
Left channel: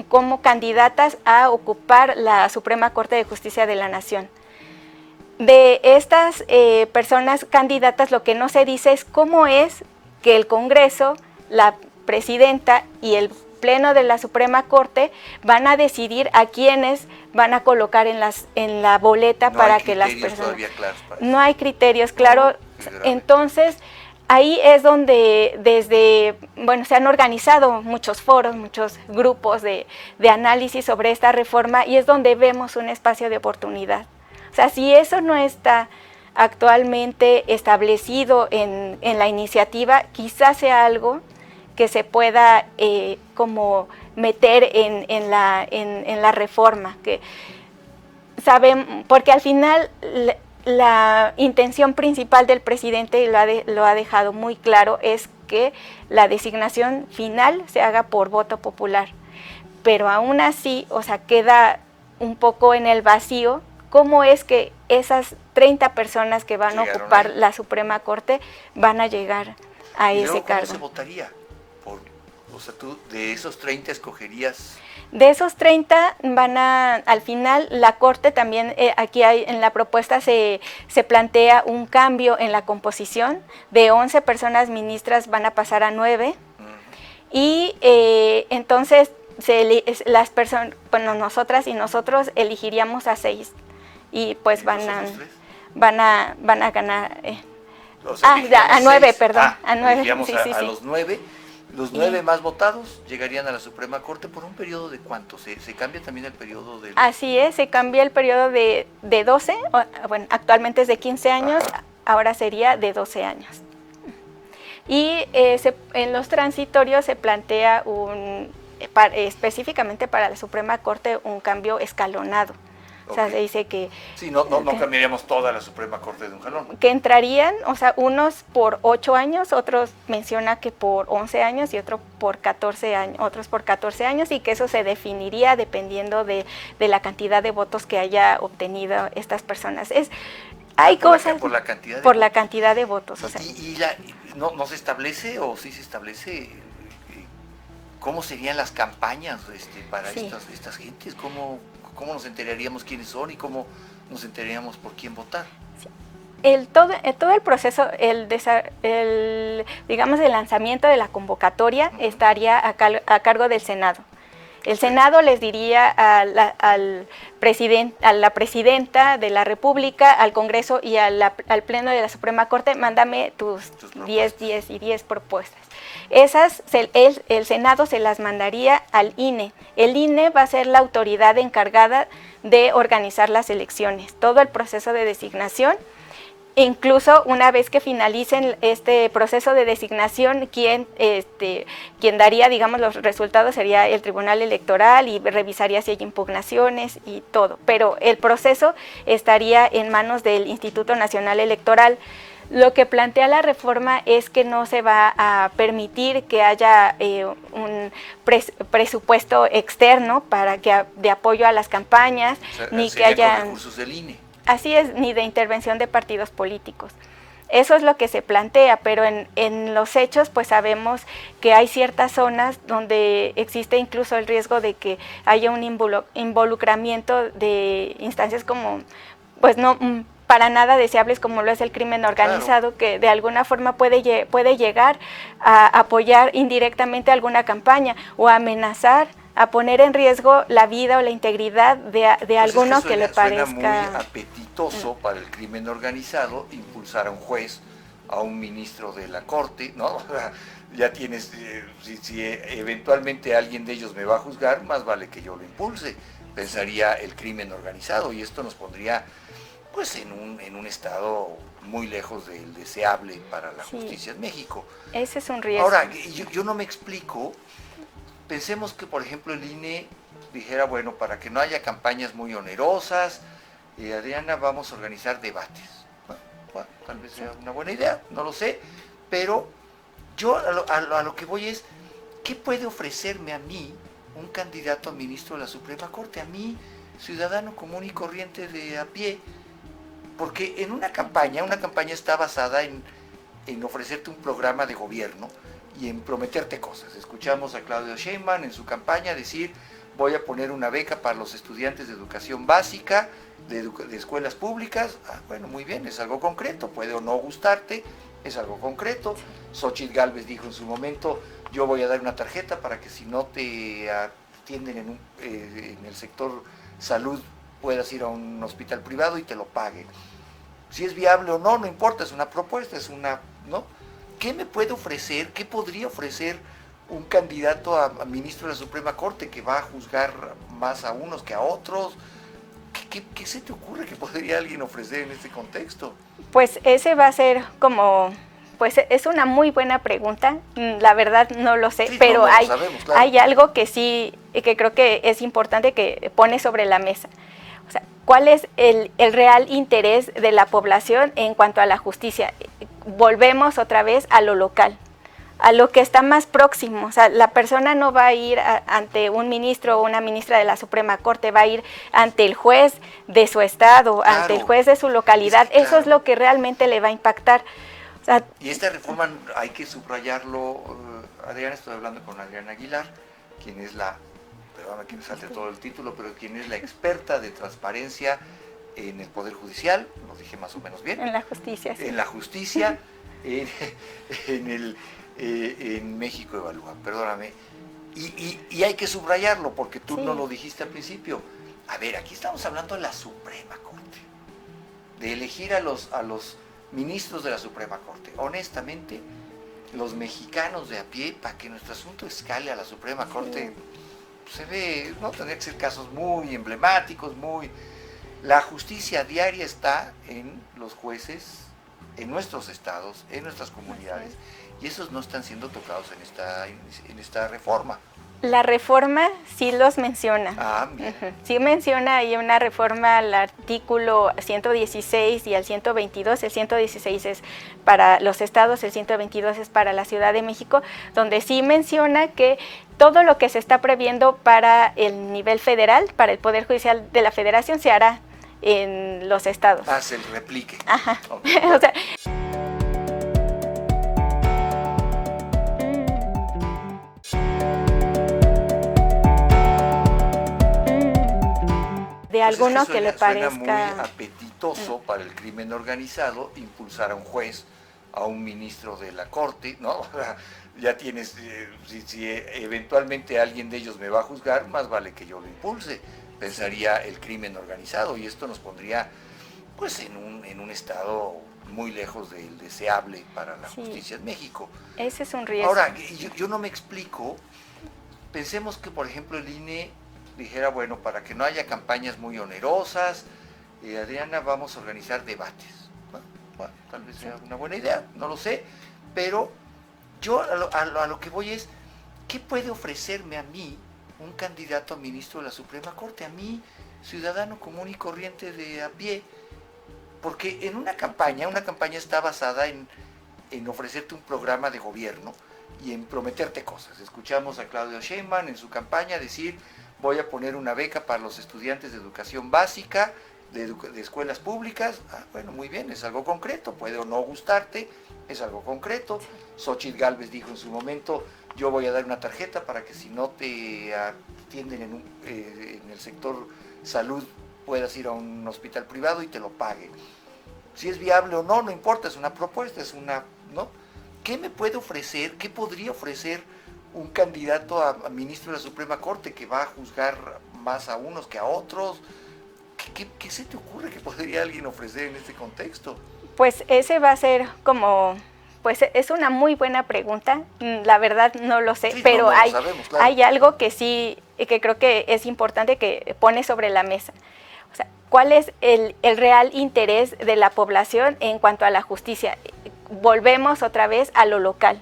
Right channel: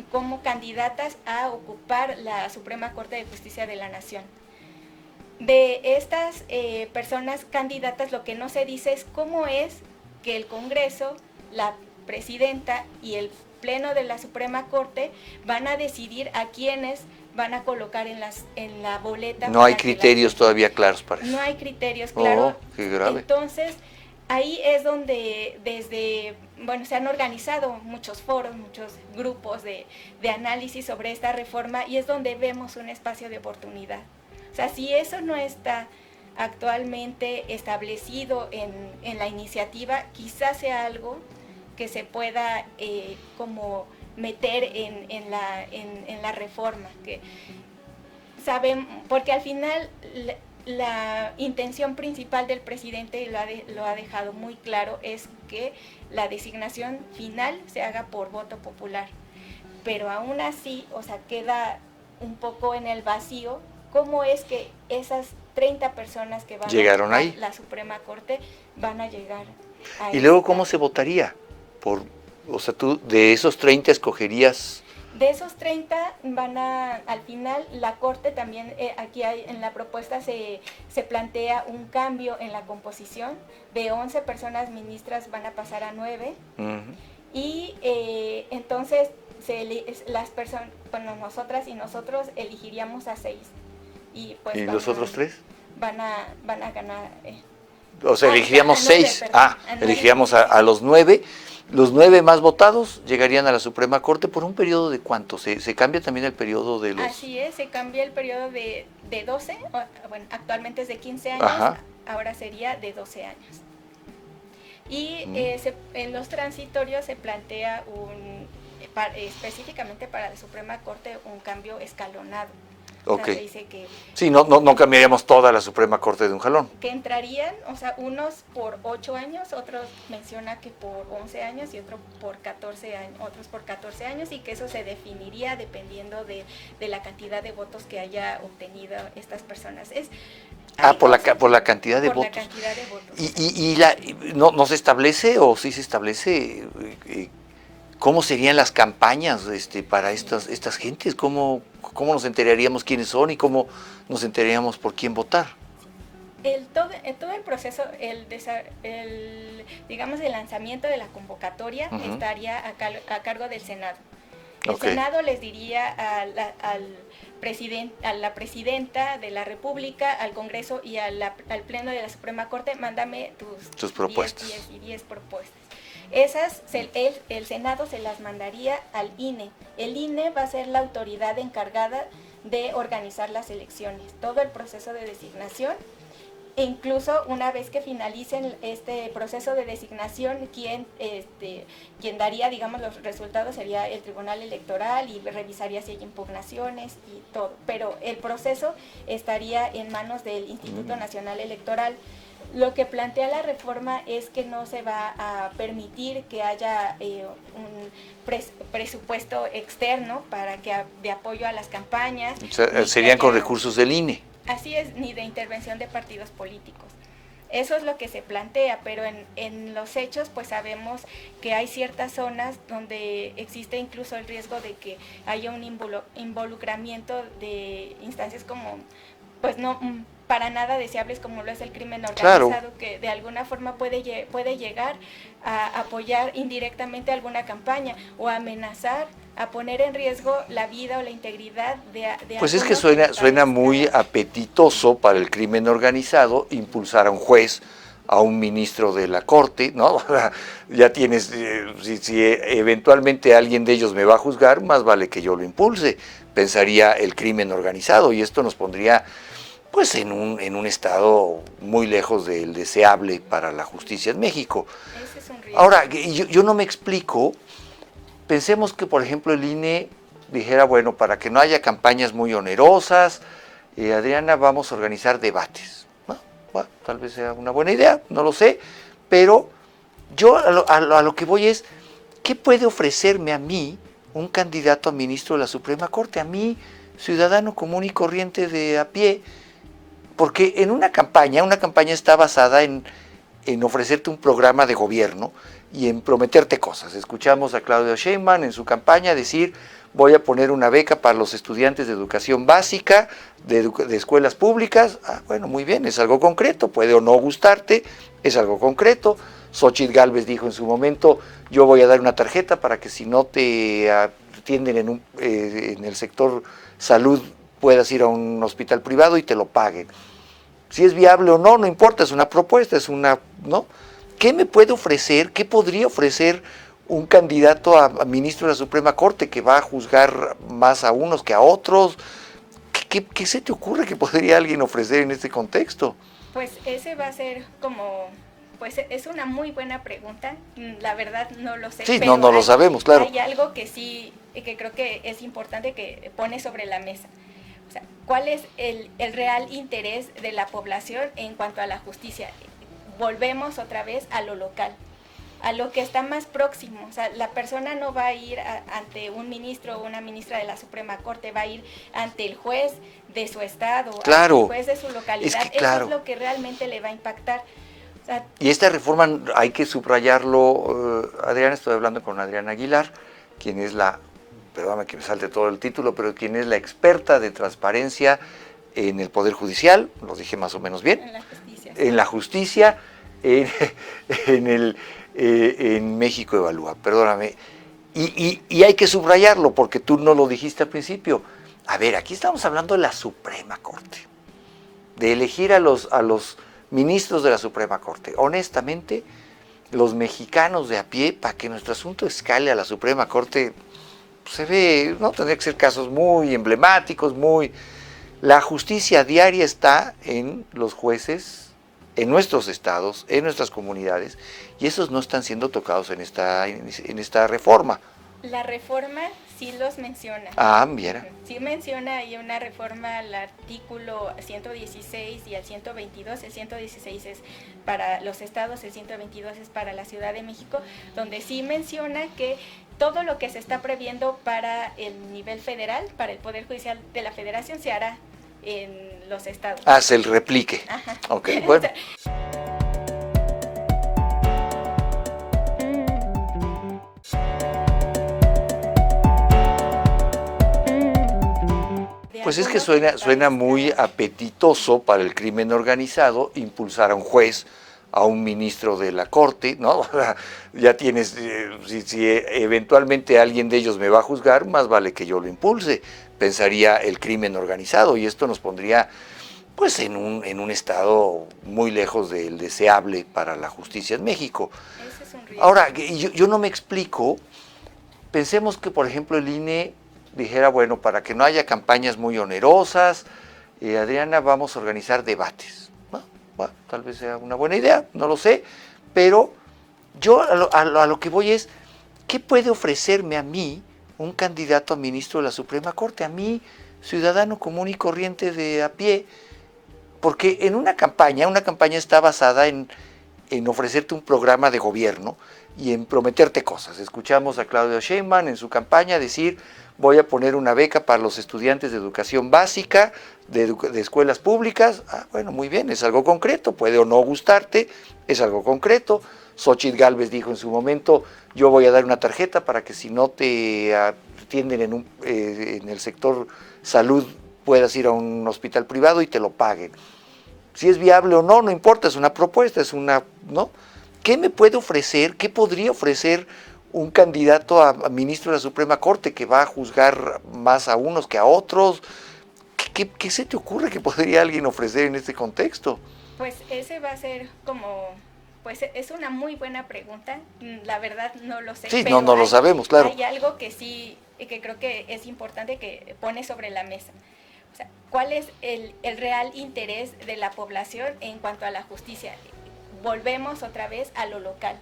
como candidatas a ocupar la Suprema Corte de Justicia de la Nación. De estas personas candidatas, lo que no se dice es cómo es que el Congreso, la Presidenta y el Pleno de la Suprema Corte van a decidir a quiénes van a colocar en la boleta. No hay criterios todavía claros para eso. No hay criterios claros. Entonces, ahí es donde se han organizado muchos foros, muchos grupos de análisis sobre esta reforma, y es donde vemos un espacio de oportunidad. O sea, si eso no está actualmente establecido en la iniciativa, quizás sea algo que se pueda como meter en la reforma, que porque al final la intención principal del presidente, y lo ha dejado muy claro, es que la designación final se haga por voto popular. Pero aún así, o sea, queda un poco en el vacío cómo es que esas 30 personas que van a ocupar la Suprema Corte van a llegar a ese cargo. ¿Y luego cómo se votaría? O sea, tú de esos 30 escogerías... De esos 30 al final la Corte también, aquí en la propuesta se plantea un cambio en la composición, de 11 personas ministras van a pasar a 9, y entonces las personas, bueno, nosotras y nosotros elegiríamos a 6, y pues ¿Y los otros 3? van a ganar. O sea, elegiríamos a 9, 6. perdón. A 9, elegiríamos sí, a los 9. Los 9 más votados llegarían a la Suprema Corte por un periodo de ¿cuánto? ¿Se cambia también el periodo de los...? Así es, se cambia el periodo de 12, bueno, actualmente es de 15 años, ahora sería de 12 años. Y en los transitorios se plantea específicamente para la Suprema Corte un cambio escalonado. O sea, se dice que... Sí, no cambiaríamos toda la Suprema Corte de un jalón. Que entrarían, o sea, unos por 8 años, otros menciona que por 11 años y otros por 14 años, y que eso se definiría dependiendo de la cantidad de votos que haya obtenido estas personas. Por la cantidad de votos. Por la cantidad de votos. ¿No se establece o sí se establece cómo serían las campañas para estas gentes? ¿Cómo nos enteraríamos quiénes son y cómo nos enteraríamos por quién votar? Todo el proceso, digamos, el lanzamiento de la convocatoria estaría a cargo del Senado. El Senado les diría a la presidenta de la República, al Congreso y al Pleno de la Suprema Corte, mándame tus 10 propuestas. Esas, el Senado se las mandaría al INE. El INE va a ser la autoridad encargada de organizar las elecciones, todo el proceso de designación. Incluso una vez que finalicen este proceso de designación, quien daría, digamos, los resultados sería el Tribunal Electoral, y revisaría si hay impugnaciones y todo. Pero el proceso estaría en manos del Instituto Nacional Electoral. Lo que plantea la reforma es que no se va a permitir que haya un presupuesto externo de apoyo a las campañas. O sea, serían con recursos del INE. Así es, ni de intervención de partidos políticos. Eso es lo que se plantea, pero en los hechos pues sabemos que hay ciertas zonas donde existe incluso el riesgo de que haya un involucramiento de instancias como, pues no para nada deseables, como lo es el crimen organizado, que de alguna forma puede llegar a apoyar indirectamente alguna campaña o a amenazar, a poner en riesgo la vida o la integridad de pues algunos. Es que suena muy apetitoso para el crimen organizado impulsar a un juez, a un ministro de la Corte, ¿no? Ya tienes, si eventualmente alguien de ellos me va a juzgar, más vale que yo lo impulse, pensaría el crimen organizado, y esto nos pondría pues en un estado muy lejos del deseable para la justicia en México. Ese es un riesgo. Ahora, yo no me explico. Pensemos que, por ejemplo, el INE dijera, bueno, para que no haya campañas muy onerosas, Adriana, vamos a organizar debates. Bueno, tal vez sea una buena idea, no lo sé, pero yo a lo que voy es, ¿qué puede ofrecerme a mí un candidato a ministro de la Suprema Corte? A mí, ciudadano común y corriente de a pie, porque en una campaña está basada en ofrecerte un programa de gobierno y en prometerte cosas. Escuchamos a Claudia Sheinbaum en su campaña decir, voy a poner una beca para los estudiantes de educación básica, de escuelas públicas. Bueno, muy bien, es algo concreto, puede o no gustarte, es algo concreto. Xóchitl Gálvez dijo en su momento, yo voy a dar una tarjeta para que si no te atienden en el sector salud, puedas ir a un hospital privado y te lo paguen. Si es viable o no, no importa, es una propuesta, ¿no? ¿Qué me puede ofrecer, qué podría ofrecer un candidato a ministro de la Suprema Corte que va a juzgar más a unos que a otros? ¿Qué se te ocurre que podría alguien ofrecer en este contexto? Pues ese va a ser pues es una muy buena pregunta, la verdad no lo sé, sí, pero no lo sabemos, claro. Hay algo que sí, que creo que es importante que pone sobre la mesa. O O sea, ¿cuál es el real interés de la población en cuanto a la justicia? Volvemos otra vez a lo local, a lo que está más próximo. O sea, la persona no va a ir ante un ministro o una ministra de la Suprema Corte, va a ir ante el juez de su estado, ante el juez de su localidad. Eso es lo que realmente le va a impactar. O sea, y esta reforma hay que subrayarlo, Adriana, estoy hablando con Adriana Aguilar, quien es perdóname que me salte todo el título, pero quien es la experta de transparencia en el Poder Judicial, lo dije más o menos bien. En la justicia. Sí. En la justicia, en México Evalúa, perdóname. Y hay que subrayarlo porque tú no lo dijiste al principio. A ver, aquí estamos hablando de la Suprema Corte, de elegir a los ministros de la Suprema Corte. Honestamente, los mexicanos de a pie, para que nuestro asunto escale a la Suprema Corte, se ve, no tendría que ser casos muy emblemáticos, La justicia diaria está en los jueces, en nuestros estados, en nuestras comunidades, y esos no están siendo tocados en esta reforma. La reforma sí los menciona. Ah, mira. Sí menciona ahí una reforma al artículo 116 y al 122. El 116 es para los estados, el 122 es para la Ciudad de México, donde sí menciona que todo lo que se está previendo para el nivel federal, para el Poder Judicial de la Federación, se hará en los estados. Se el replique. Ajá. Okay, bueno. O sea, Pues es que suena muy apetitoso para el crimen organizado impulsar a un juez, a un ministro de la Corte, ¿no? Ya tienes, si eventualmente alguien de ellos me va a juzgar, más vale que yo lo impulse, pensaría el crimen organizado, y esto nos pondría pues en un estado muy lejos del deseable para la justicia en México. Ese es un riesgo. Ahora, yo no me explico, pensemos que por ejemplo el INE dijera, bueno, para que no haya campañas muy onerosas, Adriana, vamos a organizar debates. Bueno, tal vez sea una buena idea, no lo sé, pero yo a lo que voy es, ¿qué puede ofrecerme a mí un candidato a ministro de la Suprema Corte? A mí, ciudadano común y corriente de a pie, porque en una campaña está basada en ofrecerte un programa de gobierno y en prometerte cosas. Escuchamos a Claudia Sheinbaum en su campaña decir, voy a poner una beca para los estudiantes de educación básica, de escuelas públicas. Bueno, muy bien, es algo concreto, puede o no gustarte, es algo concreto. Xóchitl Gálvez dijo en su momento, yo voy a dar una tarjeta para que si no te atienden en el sector salud, puedas ir a un hospital privado y te lo paguen. Si es viable o no, no importa, es una propuesta, ¿no? ¿Qué me puede ofrecer, qué podría ofrecer un candidato a ministro de la Suprema Corte que va a juzgar más a unos que a otros? ¿Qué se te ocurre que podría alguien ofrecer en este contexto? Pues ese va a ser pues es una muy buena pregunta, la verdad no lo sé, sí, pero no lo sabemos, claro. Hay algo que sí, que creo que es importante que pone sobre la mesa. O sea, ¿cuál es el real interés de la población en cuanto a la justicia? Volvemos otra vez a lo local,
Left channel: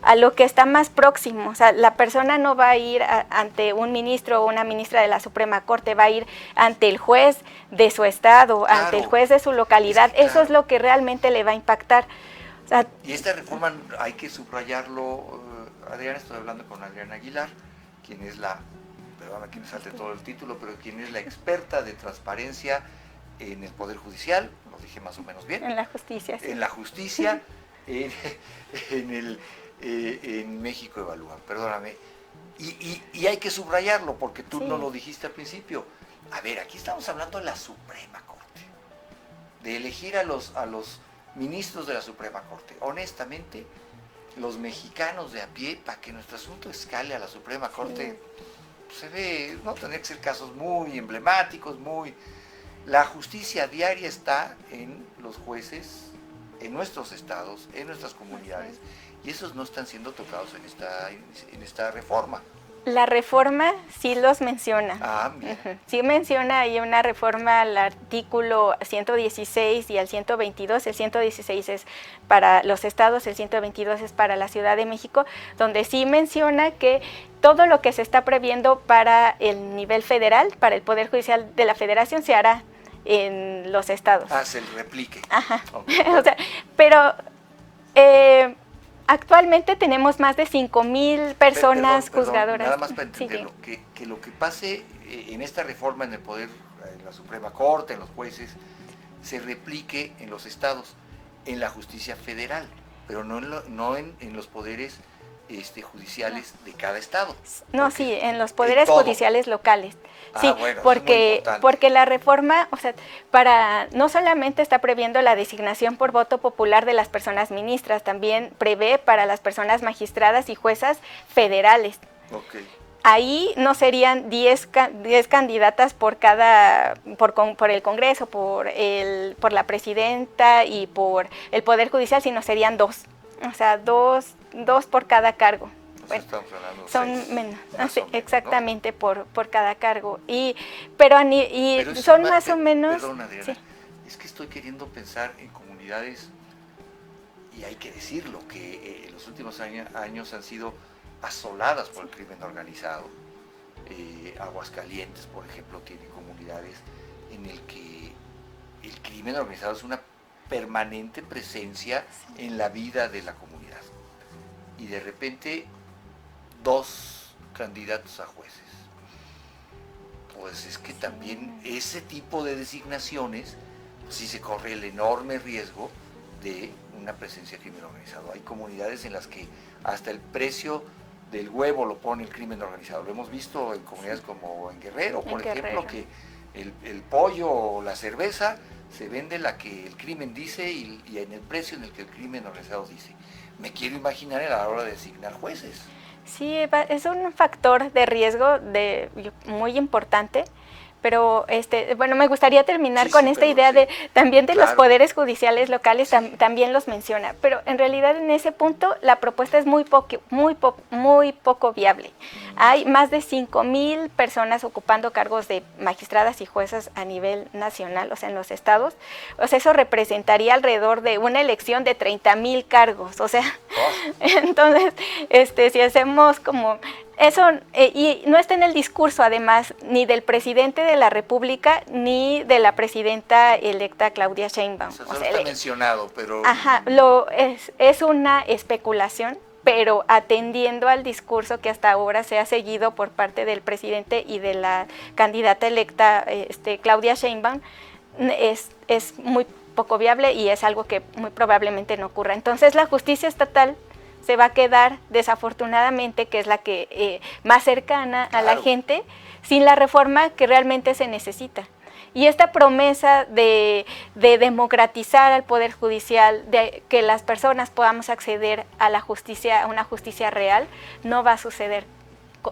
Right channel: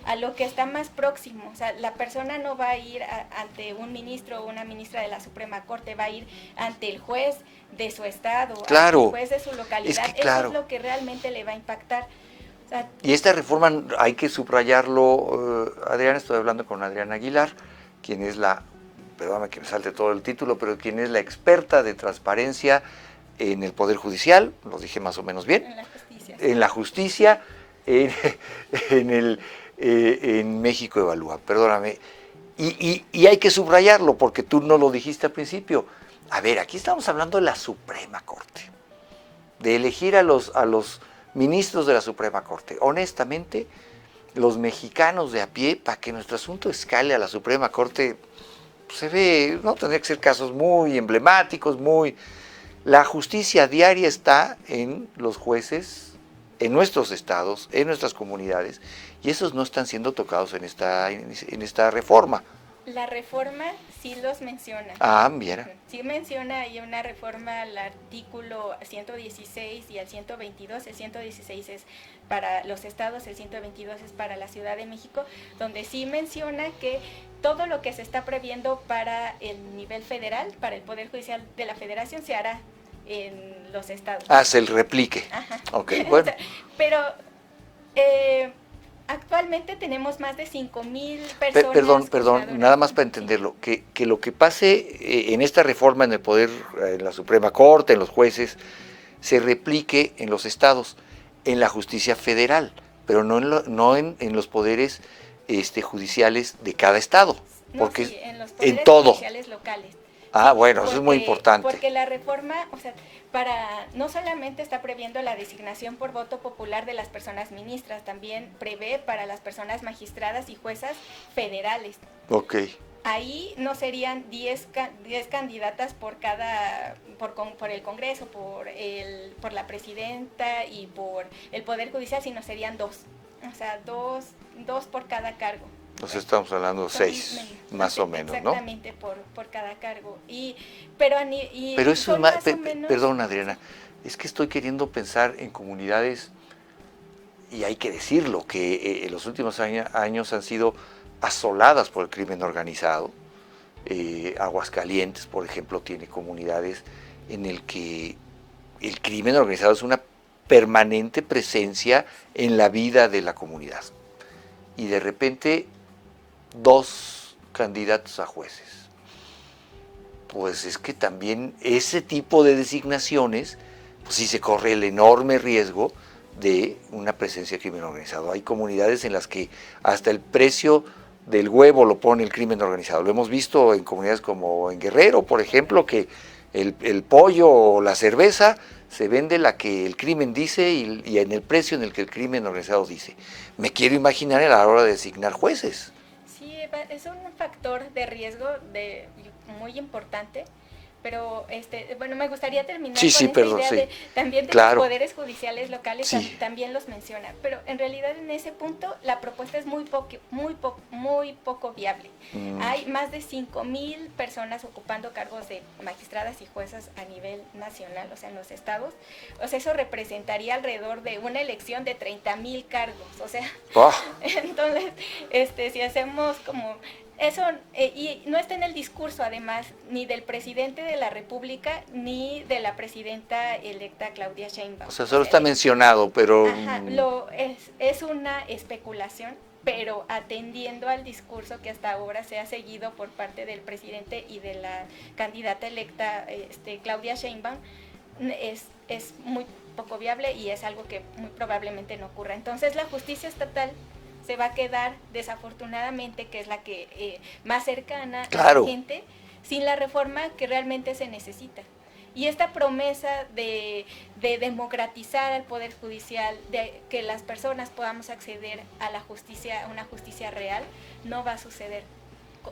a lo que está más próximo. O sea, la persona no va a ir ante un ministro o una ministra de la Suprema Corte, va a ir ante el juez de su estado, ante el juez de su localidad. Eso es lo que realmente le va a impactar. O sea, y esta reforma hay que subrayarlo, Adriana, estoy hablando con Adriana Aguilar, quien es perdóname que me salte todo el título, pero quien es la experta de transparencia en el Poder Judicial, lo dije más o menos bien. En la justicia. Sí. En la justicia, en México Evalúa, perdóname. Y hay que subrayarlo porque tú no lo dijiste al principio. A ver, aquí estamos hablando de la Suprema Corte, de elegir a los ministros de la Suprema Corte. Honestamente, los mexicanos de a pie, para que nuestro asunto escale a la Suprema Corte, se ve, no tendría que ser casos muy emblemáticos, La justicia diaria está en los jueces, en nuestros estados, en nuestras comunidades, y esos no están siendo tocados en esta reforma. La reforma sí los menciona. Ah, mira. Sí menciona ahí una reforma al artículo 116 y al 122. El 116 es para los estados, el 122 es para la Ciudad de México, donde sí menciona que todo lo que se está previendo para el nivel federal, para el Poder Judicial de la Federación, se hará en los estados. Ah, se le replique. Ajá. Okay, bueno. O sea, pero actualmente tenemos más de 5,000 personas juzgadoras. Nada más para entenderlo, Sí. que lo que pase en esta reforma en el poder, en la Suprema Corte, en los jueces, se replique en los estados, en la justicia federal, pero no en los poderes judiciales de cada estado. No, sí, en los poderes todo. judiciales locales. Ah, Sí, bueno, eso es muy importante. Porque la reforma, o sea, no solamente está previendo la designación por voto popular de las personas ministras, también prevé para las personas magistradas y juezas federales. Ok. Ahí no serían 10 candidatas por el Congreso, por la presidenta y por el Poder Judicial, sino serían 2. O sea, dos por cada cargo. Entonces estamos hablando de 6, más o menos, exactamente, ¿no? por cada cargo. Pero son más o menos... Perdón, Adriana, Sí. es que estoy queriendo pensar en comunidades, y hay que decirlo, que en los últimos años han sido asoladas por el crimen organizado. Aguascalientes, por ejemplo, tiene comunidades en el que el crimen organizado es una permanente presencia en la vida de la comunidad. Y de repente 2 candidatos a jueces. Pues es que también ese tipo de designaciones, pues sí se corre el enorme riesgo de una presencia de crimen organizado. Hay comunidades en las que hasta el precio del huevo lo pone el crimen organizado. Lo hemos visto en comunidades como en Guerrero, por ejemplo, que el pollo o la cerveza se vende la que el crimen dice y en el precio en el que el crimen organizado dice. Me quiero imaginar a la hora de designar jueces. Sí, es un factor de riesgo muy importante, pero bueno, me gustaría terminar con esta idea de también de los poderes judiciales locales, también los menciona, pero en realidad en ese punto la propuesta es muy poco viable. Hay más de 5,000 personas ocupando cargos de magistradas y juezas a nivel nacional, o sea, en los estados. O sea, eso representaría alrededor de una elección de 30,000 cargos, o sea, entonces, si hacemos como eso, y no está en el discurso, además, ni del presidente de la República, ni de la presidenta electa Claudia Sheinbaum. O sea, solo está mencionado, pero... Ajá, es una especulación, pero atendiendo al discurso que hasta ahora se ha seguido por parte del presidente y de la candidata electa Claudia Sheinbaum, es muy poco viable y es algo que muy probablemente no ocurra. Entonces, la justicia estatal se va a quedar, desafortunadamente, que es la que más cercana a la gente, sin la reforma que realmente se necesita. Y esta promesa de democratizar al Poder Judicial, de que las personas podamos acceder a la justicia, a una justicia real, no va a suceder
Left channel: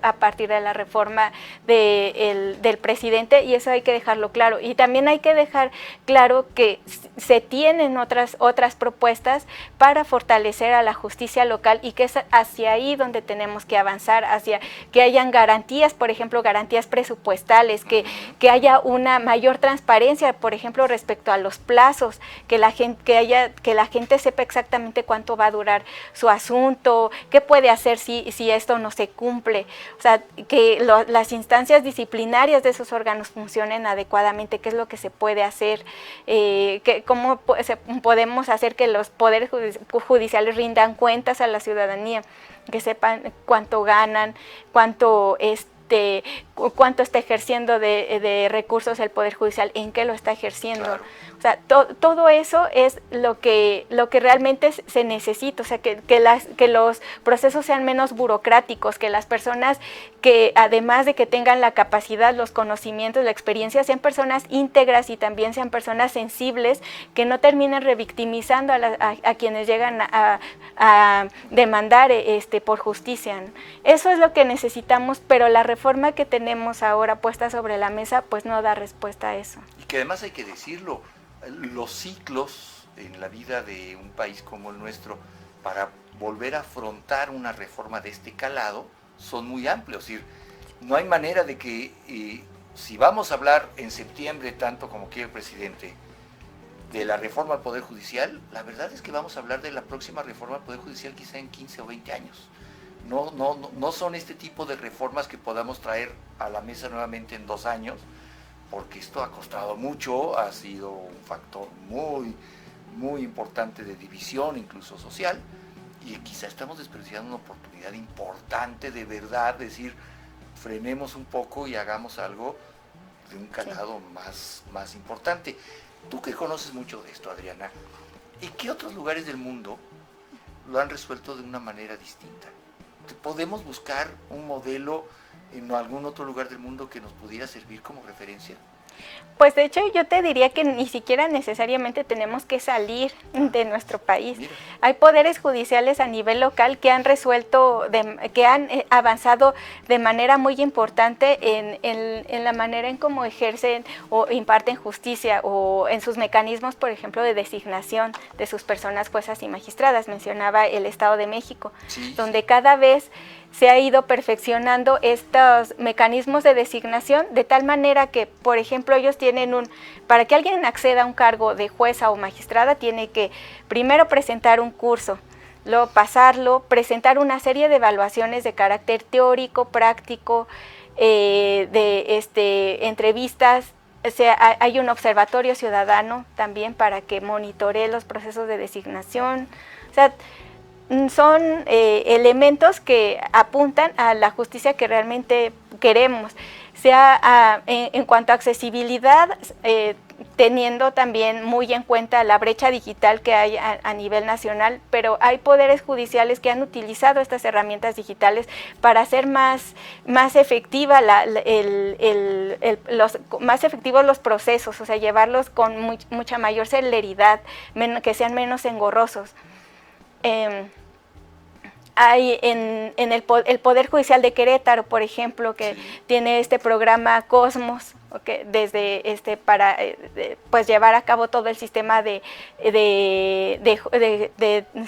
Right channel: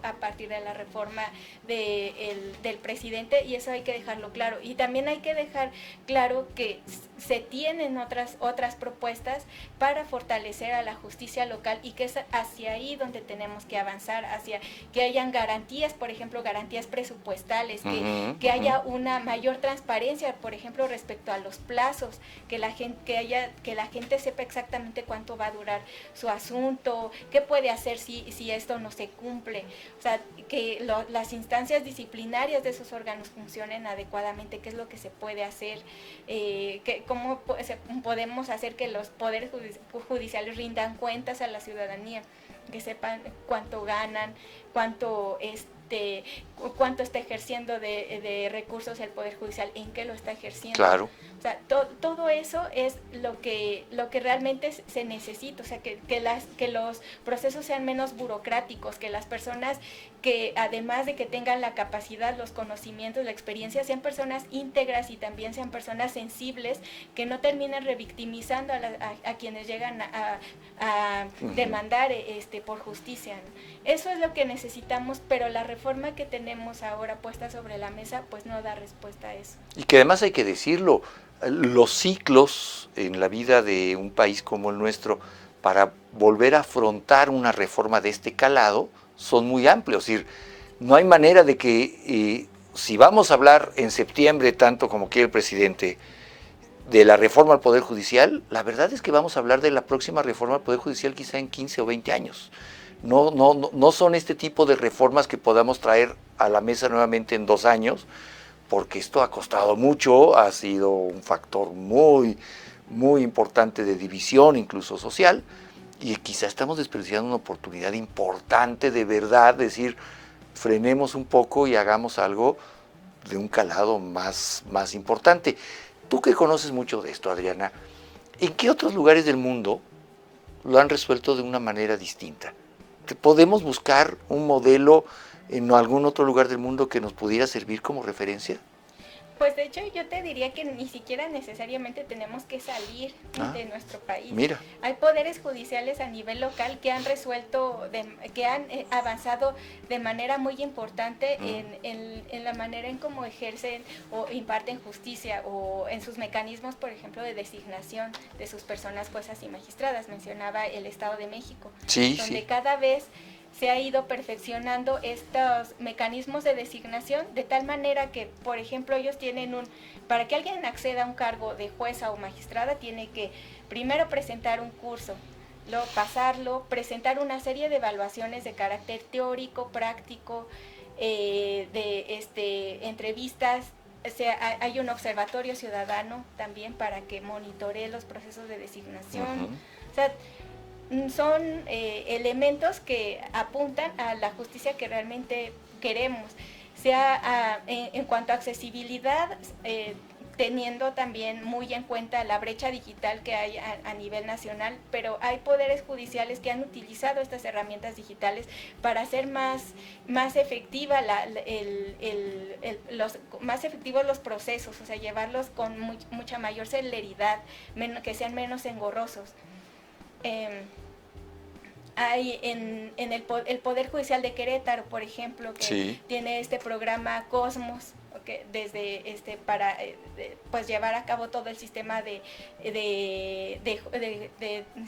a partir de la reforma del presidente, y eso hay que dejarlo claro. Y también hay que dejar claro que se tienen otras propuestas para fortalecer a la justicia local, y que es hacia ahí donde tenemos que avanzar, hacia que hayan garantías, por ejemplo, garantías presupuestales, que haya una mayor transparencia, por ejemplo, respecto a los plazos, que la gente sepa exactamente cuánto va a durar su asunto, qué puede hacer si esto no se cumple. O sea, que las instancias disciplinarias de esos órganos funcionen adecuadamente, qué es lo que se puede hacer, cómo podemos hacer que los poderes judiciales rindan cuentas a la ciudadanía, que sepan cuánto ganan, cuánto está ejerciendo de recursos el Poder Judicial, en qué lo está ejerciendo. Claro. O sea, todo eso es lo que realmente se necesita, o sea, que los procesos sean menos burocráticos, que las personas que además de que tengan la capacidad, los conocimientos, la experiencia, sean personas íntegras y también sean personas sensibles, que no terminen revictimizando a quienes llegan a demandar por justicia. Eso es lo que necesitamos, pero la reforma que tenemos ahora puesta sobre la mesa pues no da respuesta a eso. Y que además hay que decirlo, los ciclos en la vida de un país como el nuestro para volver a afrontar una reforma de este calado son muy amplios. Es decir, no hay manera de que, si vamos a hablar en septiembre, tanto como quiere el presidente, de la reforma al Poder Judicial, la verdad es que vamos a hablar de la próxima reforma al Poder Judicial quizá en 15 o 20 años. No son este tipo de reformas que podamos traer a la mesa nuevamente en 2 años, porque esto ha costado mucho, ha sido un factor muy, muy importante de división, incluso social, y quizá estamos desperdiciando una oportunidad importante de verdad, decir, frenemos un poco y hagamos algo de un calado más importante. Tú que conoces mucho de esto, Adriana, ¿en qué otros lugares del mundo lo han resuelto de una manera distinta? ¿Podemos buscar un modelo en algún otro lugar del mundo que nos pudiera servir como referencia? Pues de hecho yo te diría que ni siquiera necesariamente tenemos que salir de nuestro país. Mira. Hay poderes judiciales a nivel local que han resuelto, que han avanzado de manera muy importante en la manera en cómo ejercen o imparten justicia o en sus mecanismos, por ejemplo, de designación de sus personas juezas y magistradas. Mencionaba el Estado de México, donde cada vez se ha ido perfeccionando estos mecanismos de designación de tal manera que, por ejemplo, ellos tienen para que alguien acceda a un cargo de jueza o magistrada, tiene que primero presentar un curso, luego pasarlo, presentar una serie de evaluaciones de carácter teórico, práctico, entrevistas. O sea, hay un observatorio ciudadano también para que monitoree los procesos de designación. O sea, son elementos que apuntan a la justicia que realmente queremos, sea en cuanto a accesibilidad, teniendo también muy en cuenta la brecha digital que hay a nivel nacional, pero hay poderes judiciales que han utilizado estas herramientas digitales para hacer más efectiva más efectivos los procesos, o sea, llevarlos con mucha mayor celeridad, que sean menos engorrosos. Hay en el Poder Judicial de Querétaro, por ejemplo, que tiene este programa Cosmos, para pues llevar a cabo todo el sistema de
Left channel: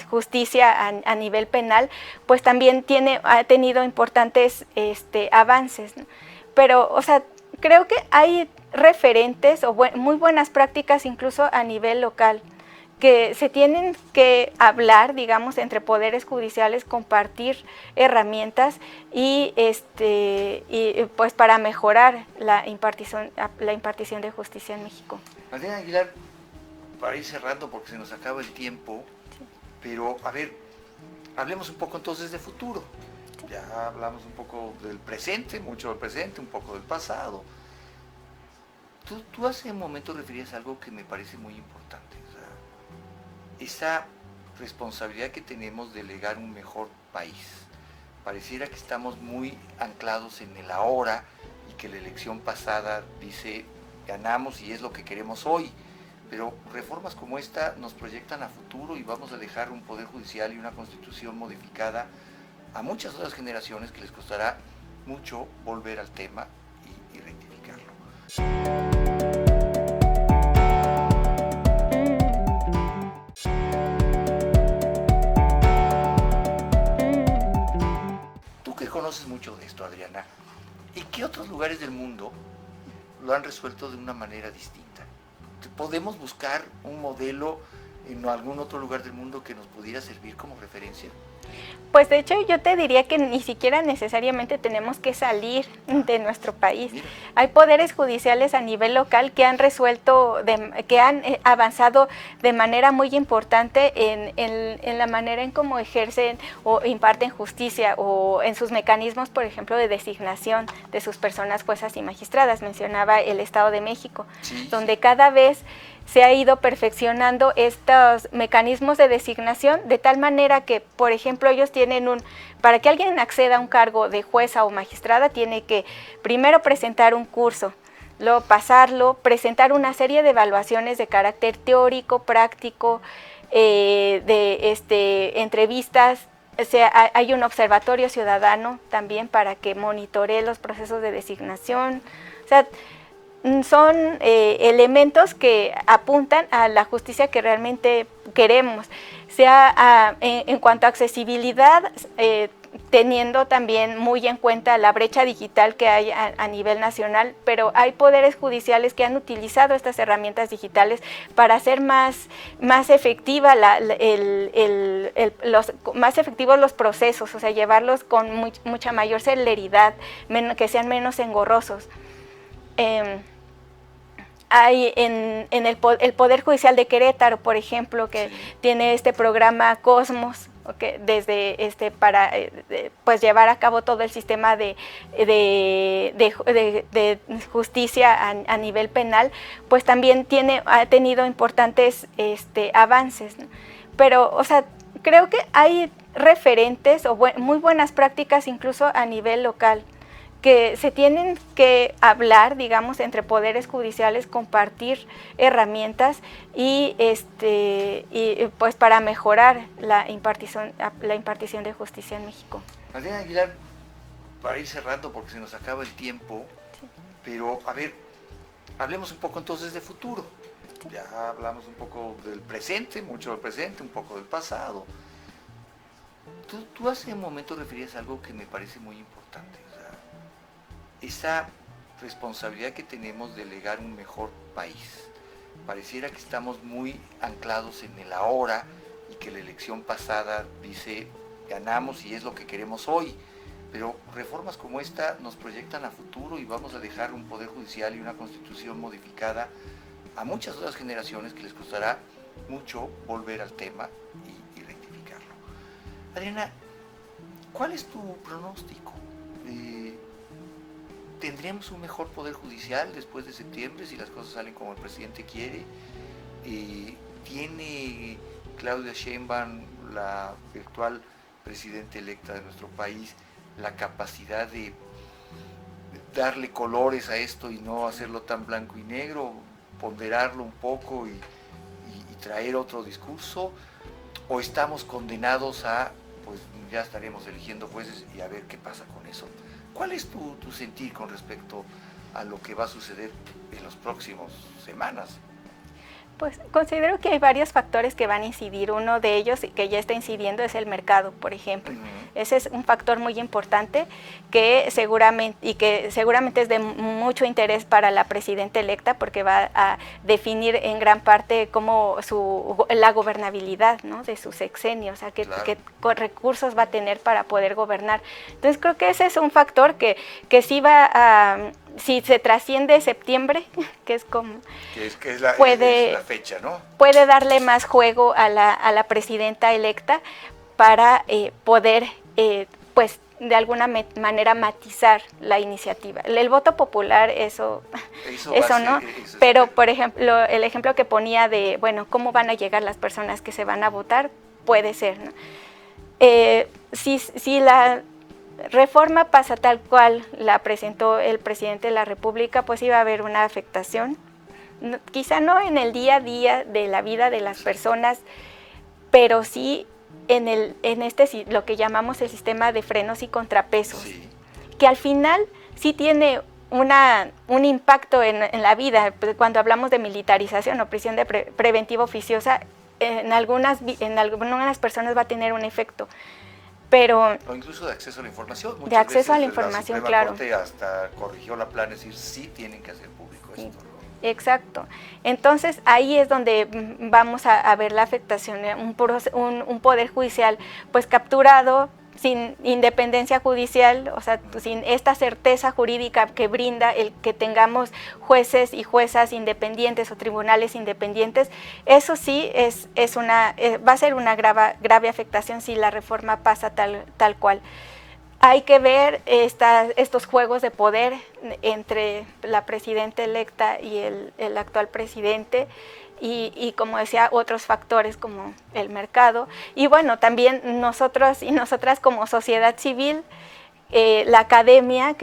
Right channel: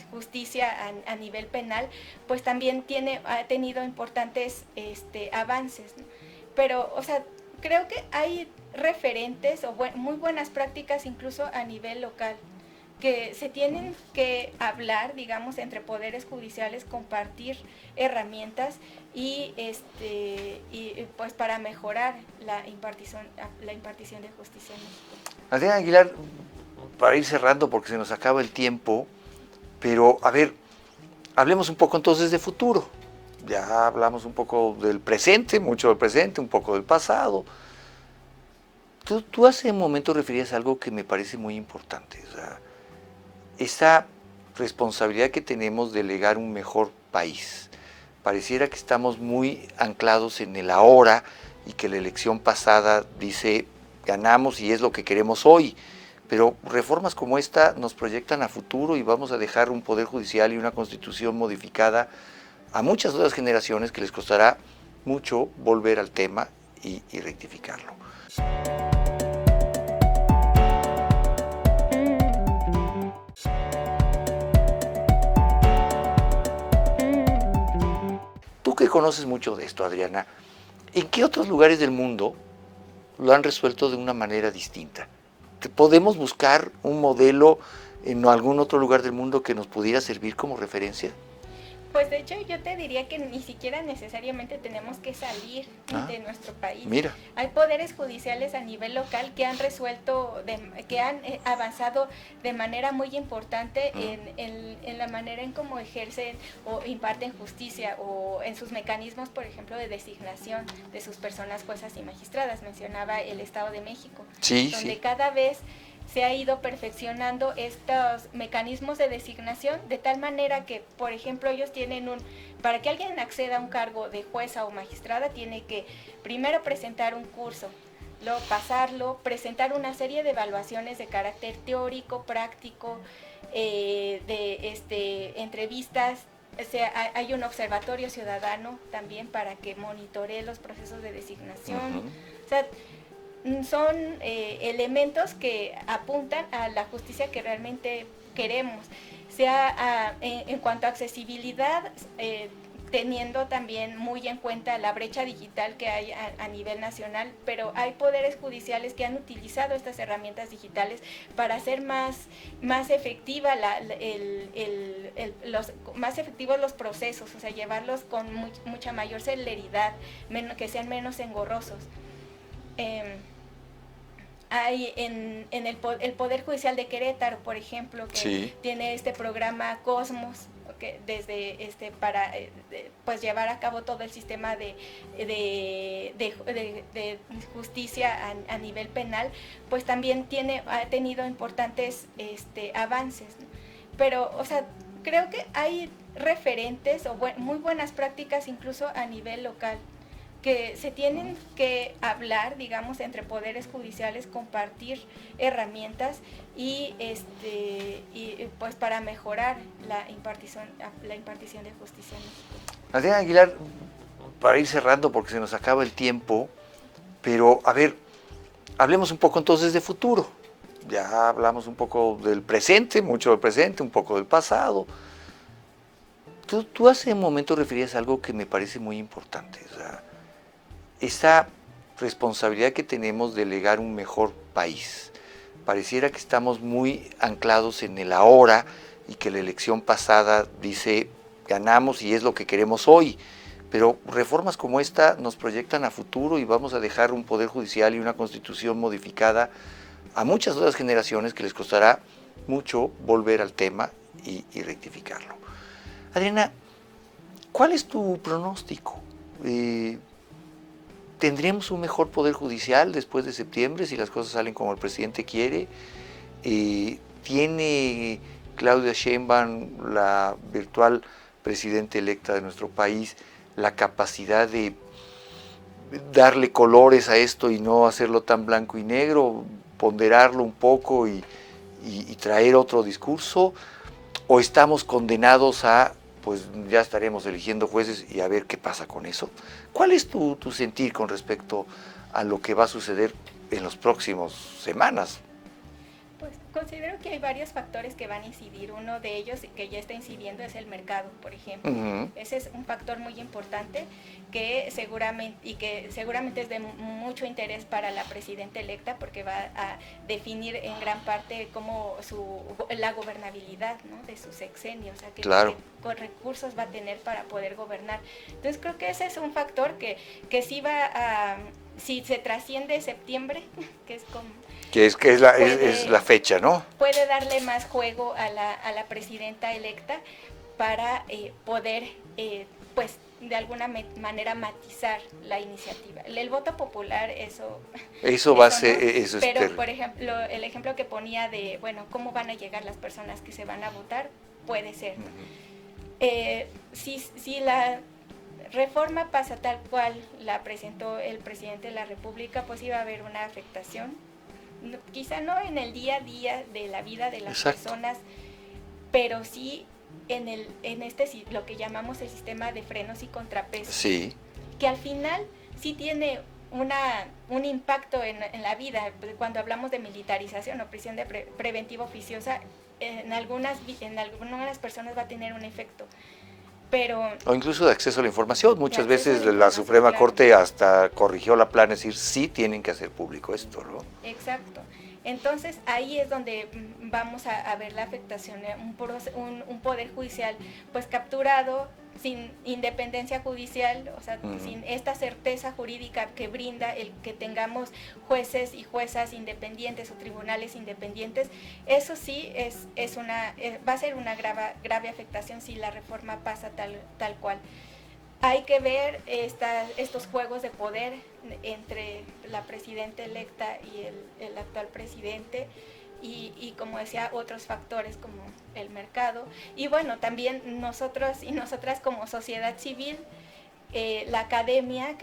justicia a nivel penal, pues también ha tenido importantes avances, ¿no? Pero, o sea, creo que hay referentes o muy buenas prácticas incluso a nivel local, que se tienen que hablar, digamos, entre poderes judiciales, compartir herramientas y pues para mejorar la impartición de justicia en México. Adriana Aguilar, para ir cerrando porque se nos acaba el tiempo, pero a ver, hablemos un poco entonces de futuro. Ya hablamos un poco del presente, mucho del presente, un poco del pasado. Tú hace un momento referías a algo que me parece muy importante, o sea, esa responsabilidad que tenemos de legar un mejor país. Pareciera que estamos muy anclados en el ahora y que la elección pasada dice ganamos y es lo que queremos hoy, pero reformas como esta nos proyectan a futuro y vamos a dejar un poder judicial y una constitución modificada a muchas otras generaciones que les costará mucho volver al tema y rectificarlo. Tú que conoces mucho de esto, Adriana, ¿en qué otros lugares del mundo lo han resuelto de una manera distinta? ¿Podemos buscar un modelo en algún otro lugar del mundo que nos pudiera servir como referencia? Pues de hecho yo te diría que ni siquiera necesariamente tenemos que salir de nuestro país. Mira. Hay poderes judiciales a nivel local que han resuelto, que han avanzado de manera muy importante en la manera en cómo ejercen o imparten justicia o en sus mecanismos, por ejemplo, de designación de sus personas juezas y magistradas. Mencionaba el Estado de México, donde cada vez se ha ido perfeccionando estos mecanismos de designación de tal manera que, por ejemplo, ellos tienen para que alguien acceda a un cargo de jueza o magistrada, tiene que primero presentar un curso, luego pasarlo, presentar una serie de evaluaciones de carácter teórico, práctico, entrevistas. O sea, hay un observatorio ciudadano también para que monitoree los procesos de designación. O sea, son elementos que apuntan a la justicia que realmente queremos, sea en cuanto a accesibilidad, teniendo también muy en cuenta la brecha digital que hay a nivel nacional, pero hay poderes judiciales que han utilizado estas herramientas digitales para hacer más efectiva más efectivos los procesos, o sea, llevarlos con mucha mayor celeridad, que sean menos engorrosos. Hay en el Poder Judicial de Querétaro, por ejemplo, que tiene este programa Cosmos, que desde para pues llevar a cabo todo el sistema de justicia a nivel penal, pues también ha tenido importantes avances, ¿no? Pero, o sea, creo que hay referentes o muy buenas prácticas incluso a nivel local, que se tienen que hablar, digamos, entre poderes judiciales, compartir herramientas y pues para mejorar la impartición de justicia en México. Adriana Aguilar, para ir cerrando porque se nos acaba el tiempo, pero a ver, hablemos un poco entonces de futuro. Ya hablamos un poco del presente, mucho del presente, un poco del pasado. Tú hace un momento referías a algo que me parece muy importante, o sea, esa responsabilidad que tenemos de legar un mejor país. Pareciera que estamos muy anclados en el ahora y que la elección pasada dice ganamos y es lo que queremos hoy, pero reformas como esta nos proyectan a futuro y vamos a dejar un poder judicial y una constitución modificada a muchas otras generaciones que les costará mucho volver al tema y rectificarlo. Adriana, ¿cuál es tu pronóstico? ¿Tendremos un mejor poder judicial después de septiembre si las cosas salen como el presidente quiere? ¿Tiene Claudia Sheinbaum, la virtual presidenta electa de nuestro país, la capacidad de darle colores a esto y no hacerlo tan blanco y negro, ponderarlo un poco y traer otro discurso? ¿O estamos condenados a, pues ya estaremos eligiendo jueces y a ver qué pasa con eso? ¿Cuál es tu sentir con respecto a lo que va a suceder en las próximas semanas? Pues considero que hay varios factores que van a incidir. Uno de ellos que ya está incidiendo es el mercado, por ejemplo. Ese es un factor muy importante que seguramente es de mucho interés para la presidenta electa, porque va a definir en gran parte la gobernabilidad, ¿no?, de su sexenio, o sea, qué recursos va a tener para poder gobernar. Entonces creo que ese es un factor que sí va a... Si se trasciende septiembre, que es como... es la fecha, ¿no? Puede darle más juego a la presidenta electa para poder, pues, de alguna manera matizar la iniciativa. El voto popular, eso va a ser... ¿no? Pero, por ejemplo, el ejemplo que ponía de, bueno, ¿cómo van a llegar las personas que se van a votar? Puede ser, ¿no? Si la reforma pasa tal cual la presentó el presidente de la República, pues iba a haber una afectación, quizá no en el día a día de la vida de las personas, pero sí en lo que llamamos el sistema de frenos y contrapesos, que al final sí tiene un impacto en la vida. Cuando hablamos de militarización o prisión preventiva oficiosa, en algunas personas va a tener un efecto. O incluso de acceso a la información. Muchas veces la Suprema Corte hasta corrigió la plana, es decir, sí tienen que hacer público esto, ¿no? Exacto. Entonces ahí es donde vamos a ver la afectación, un poder judicial pues capturado, sin independencia judicial, o sea, sin esta certeza jurídica que brinda el que tengamos jueces y juezas independientes o tribunales independientes. Eso sí va a ser una grave afectación si la reforma pasa tal cual. Hay que ver estos juegos de poder entre la presidenta electa y el actual presidente, y como decía, otros factores como el mercado. Y bueno, también nosotros y nosotras como sociedad civil, la academia,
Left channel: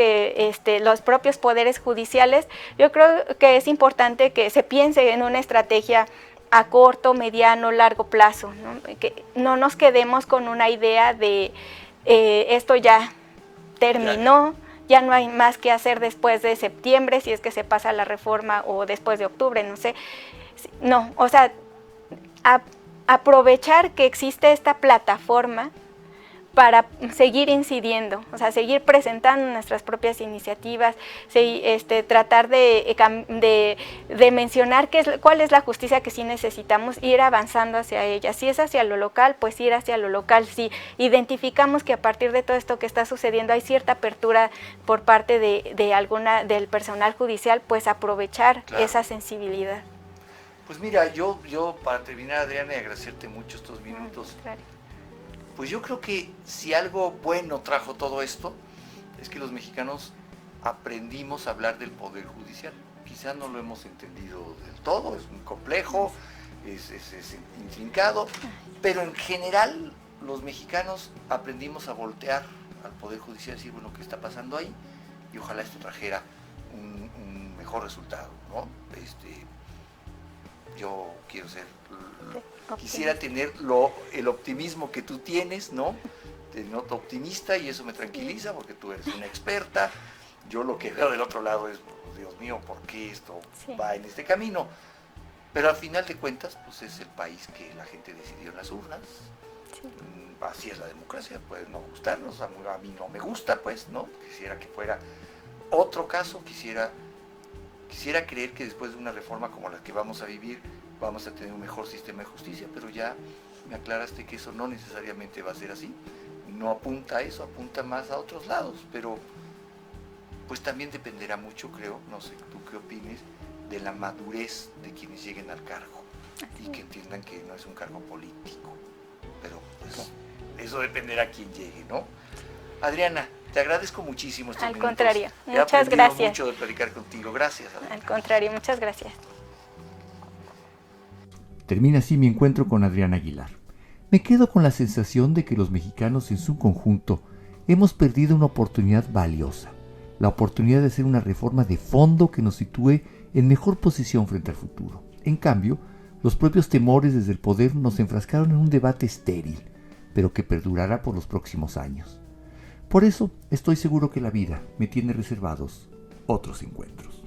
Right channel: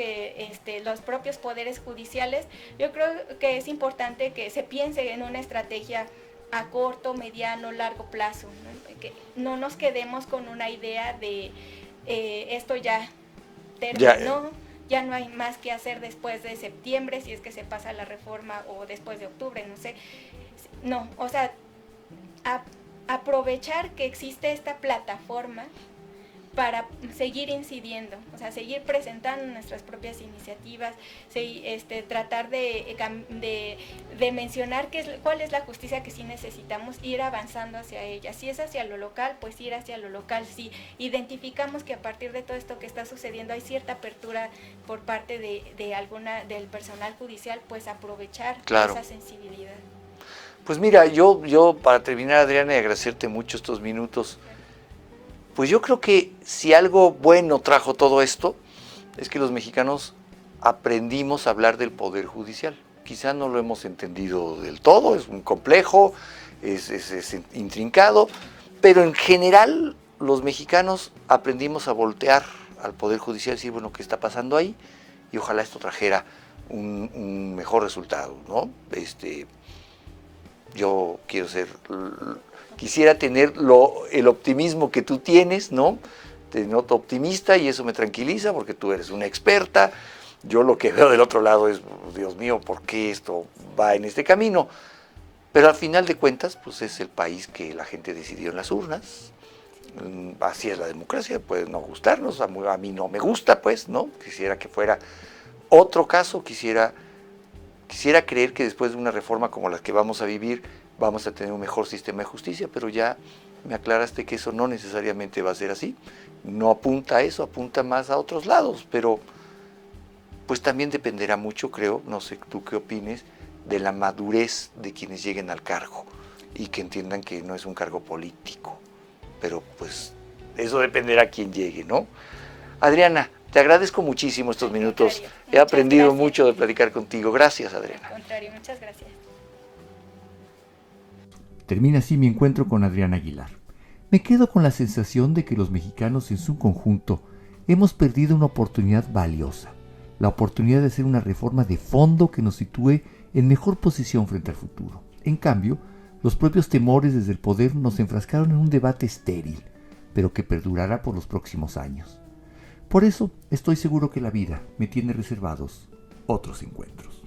los propios poderes judiciales. Yo creo que es importante que se piense en una estrategia a corto, mediano, largo plazo, ¿no? Que no nos quedemos con una idea de esto ya terminó, ya no hay más que hacer después de septiembre, si es que se pasa la reforma, o después de octubre, no sé. No, o sea, aprovechar que existe esta plataforma para seguir incidiendo, o sea, seguir presentando nuestras propias iniciativas, tratar de mencionar cuál es la justicia que sí necesitamos, ir avanzando hacia ella. Si es hacia lo local, pues ir hacia lo local. Si identificamos que a partir de todo esto que está sucediendo hay cierta apertura por parte del personal judicial, pues aprovechar esa sensibilidad. Pues mira, yo para terminar, Adriana, y agradecerte mucho estos minutos, claro. Pues yo creo que si algo bueno trajo todo esto, es que los mexicanos aprendimos a hablar del Poder Judicial. Quizá no lo hemos entendido del todo, es muy complejo, es intrincado, pero en general los mexicanos aprendimos a voltear al Poder Judicial y decir, bueno, ¿qué está pasando ahí? Y ojalá esto trajera un mejor resultado, ¿no? Yo quisiera tener el optimismo que tú tienes, ¿no? Te noto optimista y eso me tranquiliza porque tú eres una experta. Yo lo que veo del otro lado es, Dios mío, ¿por qué esto va en este camino? Pero al final de cuentas, pues es el país que la gente decidió en las urnas. Sí. Así es la democracia, puede no gustarnos, a mí no me gusta, pues, ¿no? Quisiera que fuera otro caso, quisiera creer que después de una reforma como la que vamos a vivir, vamos a tener un mejor sistema de justicia, pero ya me aclaraste que eso no necesariamente va a ser así. No apunta a eso, apunta más a otros lados, pero pues también dependerá mucho, creo, no sé tú qué opines, de la madurez de quienes lleguen al cargo y que entiendan que no es un cargo político, pero pues eso dependerá a quién llegue, ¿no? Adriana, te agradezco muchísimo estos minutos. He aprendido mucho de platicar contigo. Gracias, Adriana. Al contrario, muchas gracias. Termina así mi encuentro con Adriana Aguilar. Me quedo con la sensación de que los mexicanos en su conjunto hemos perdido una oportunidad valiosa, la oportunidad de hacer una reforma de fondo que nos sitúe en mejor posición frente al futuro. En cambio, los propios temores desde el poder nos enfrascaron en un debate estéril, pero que perdurará por los próximos años. Por eso estoy seguro que la vida me tiene reservados otros encuentros.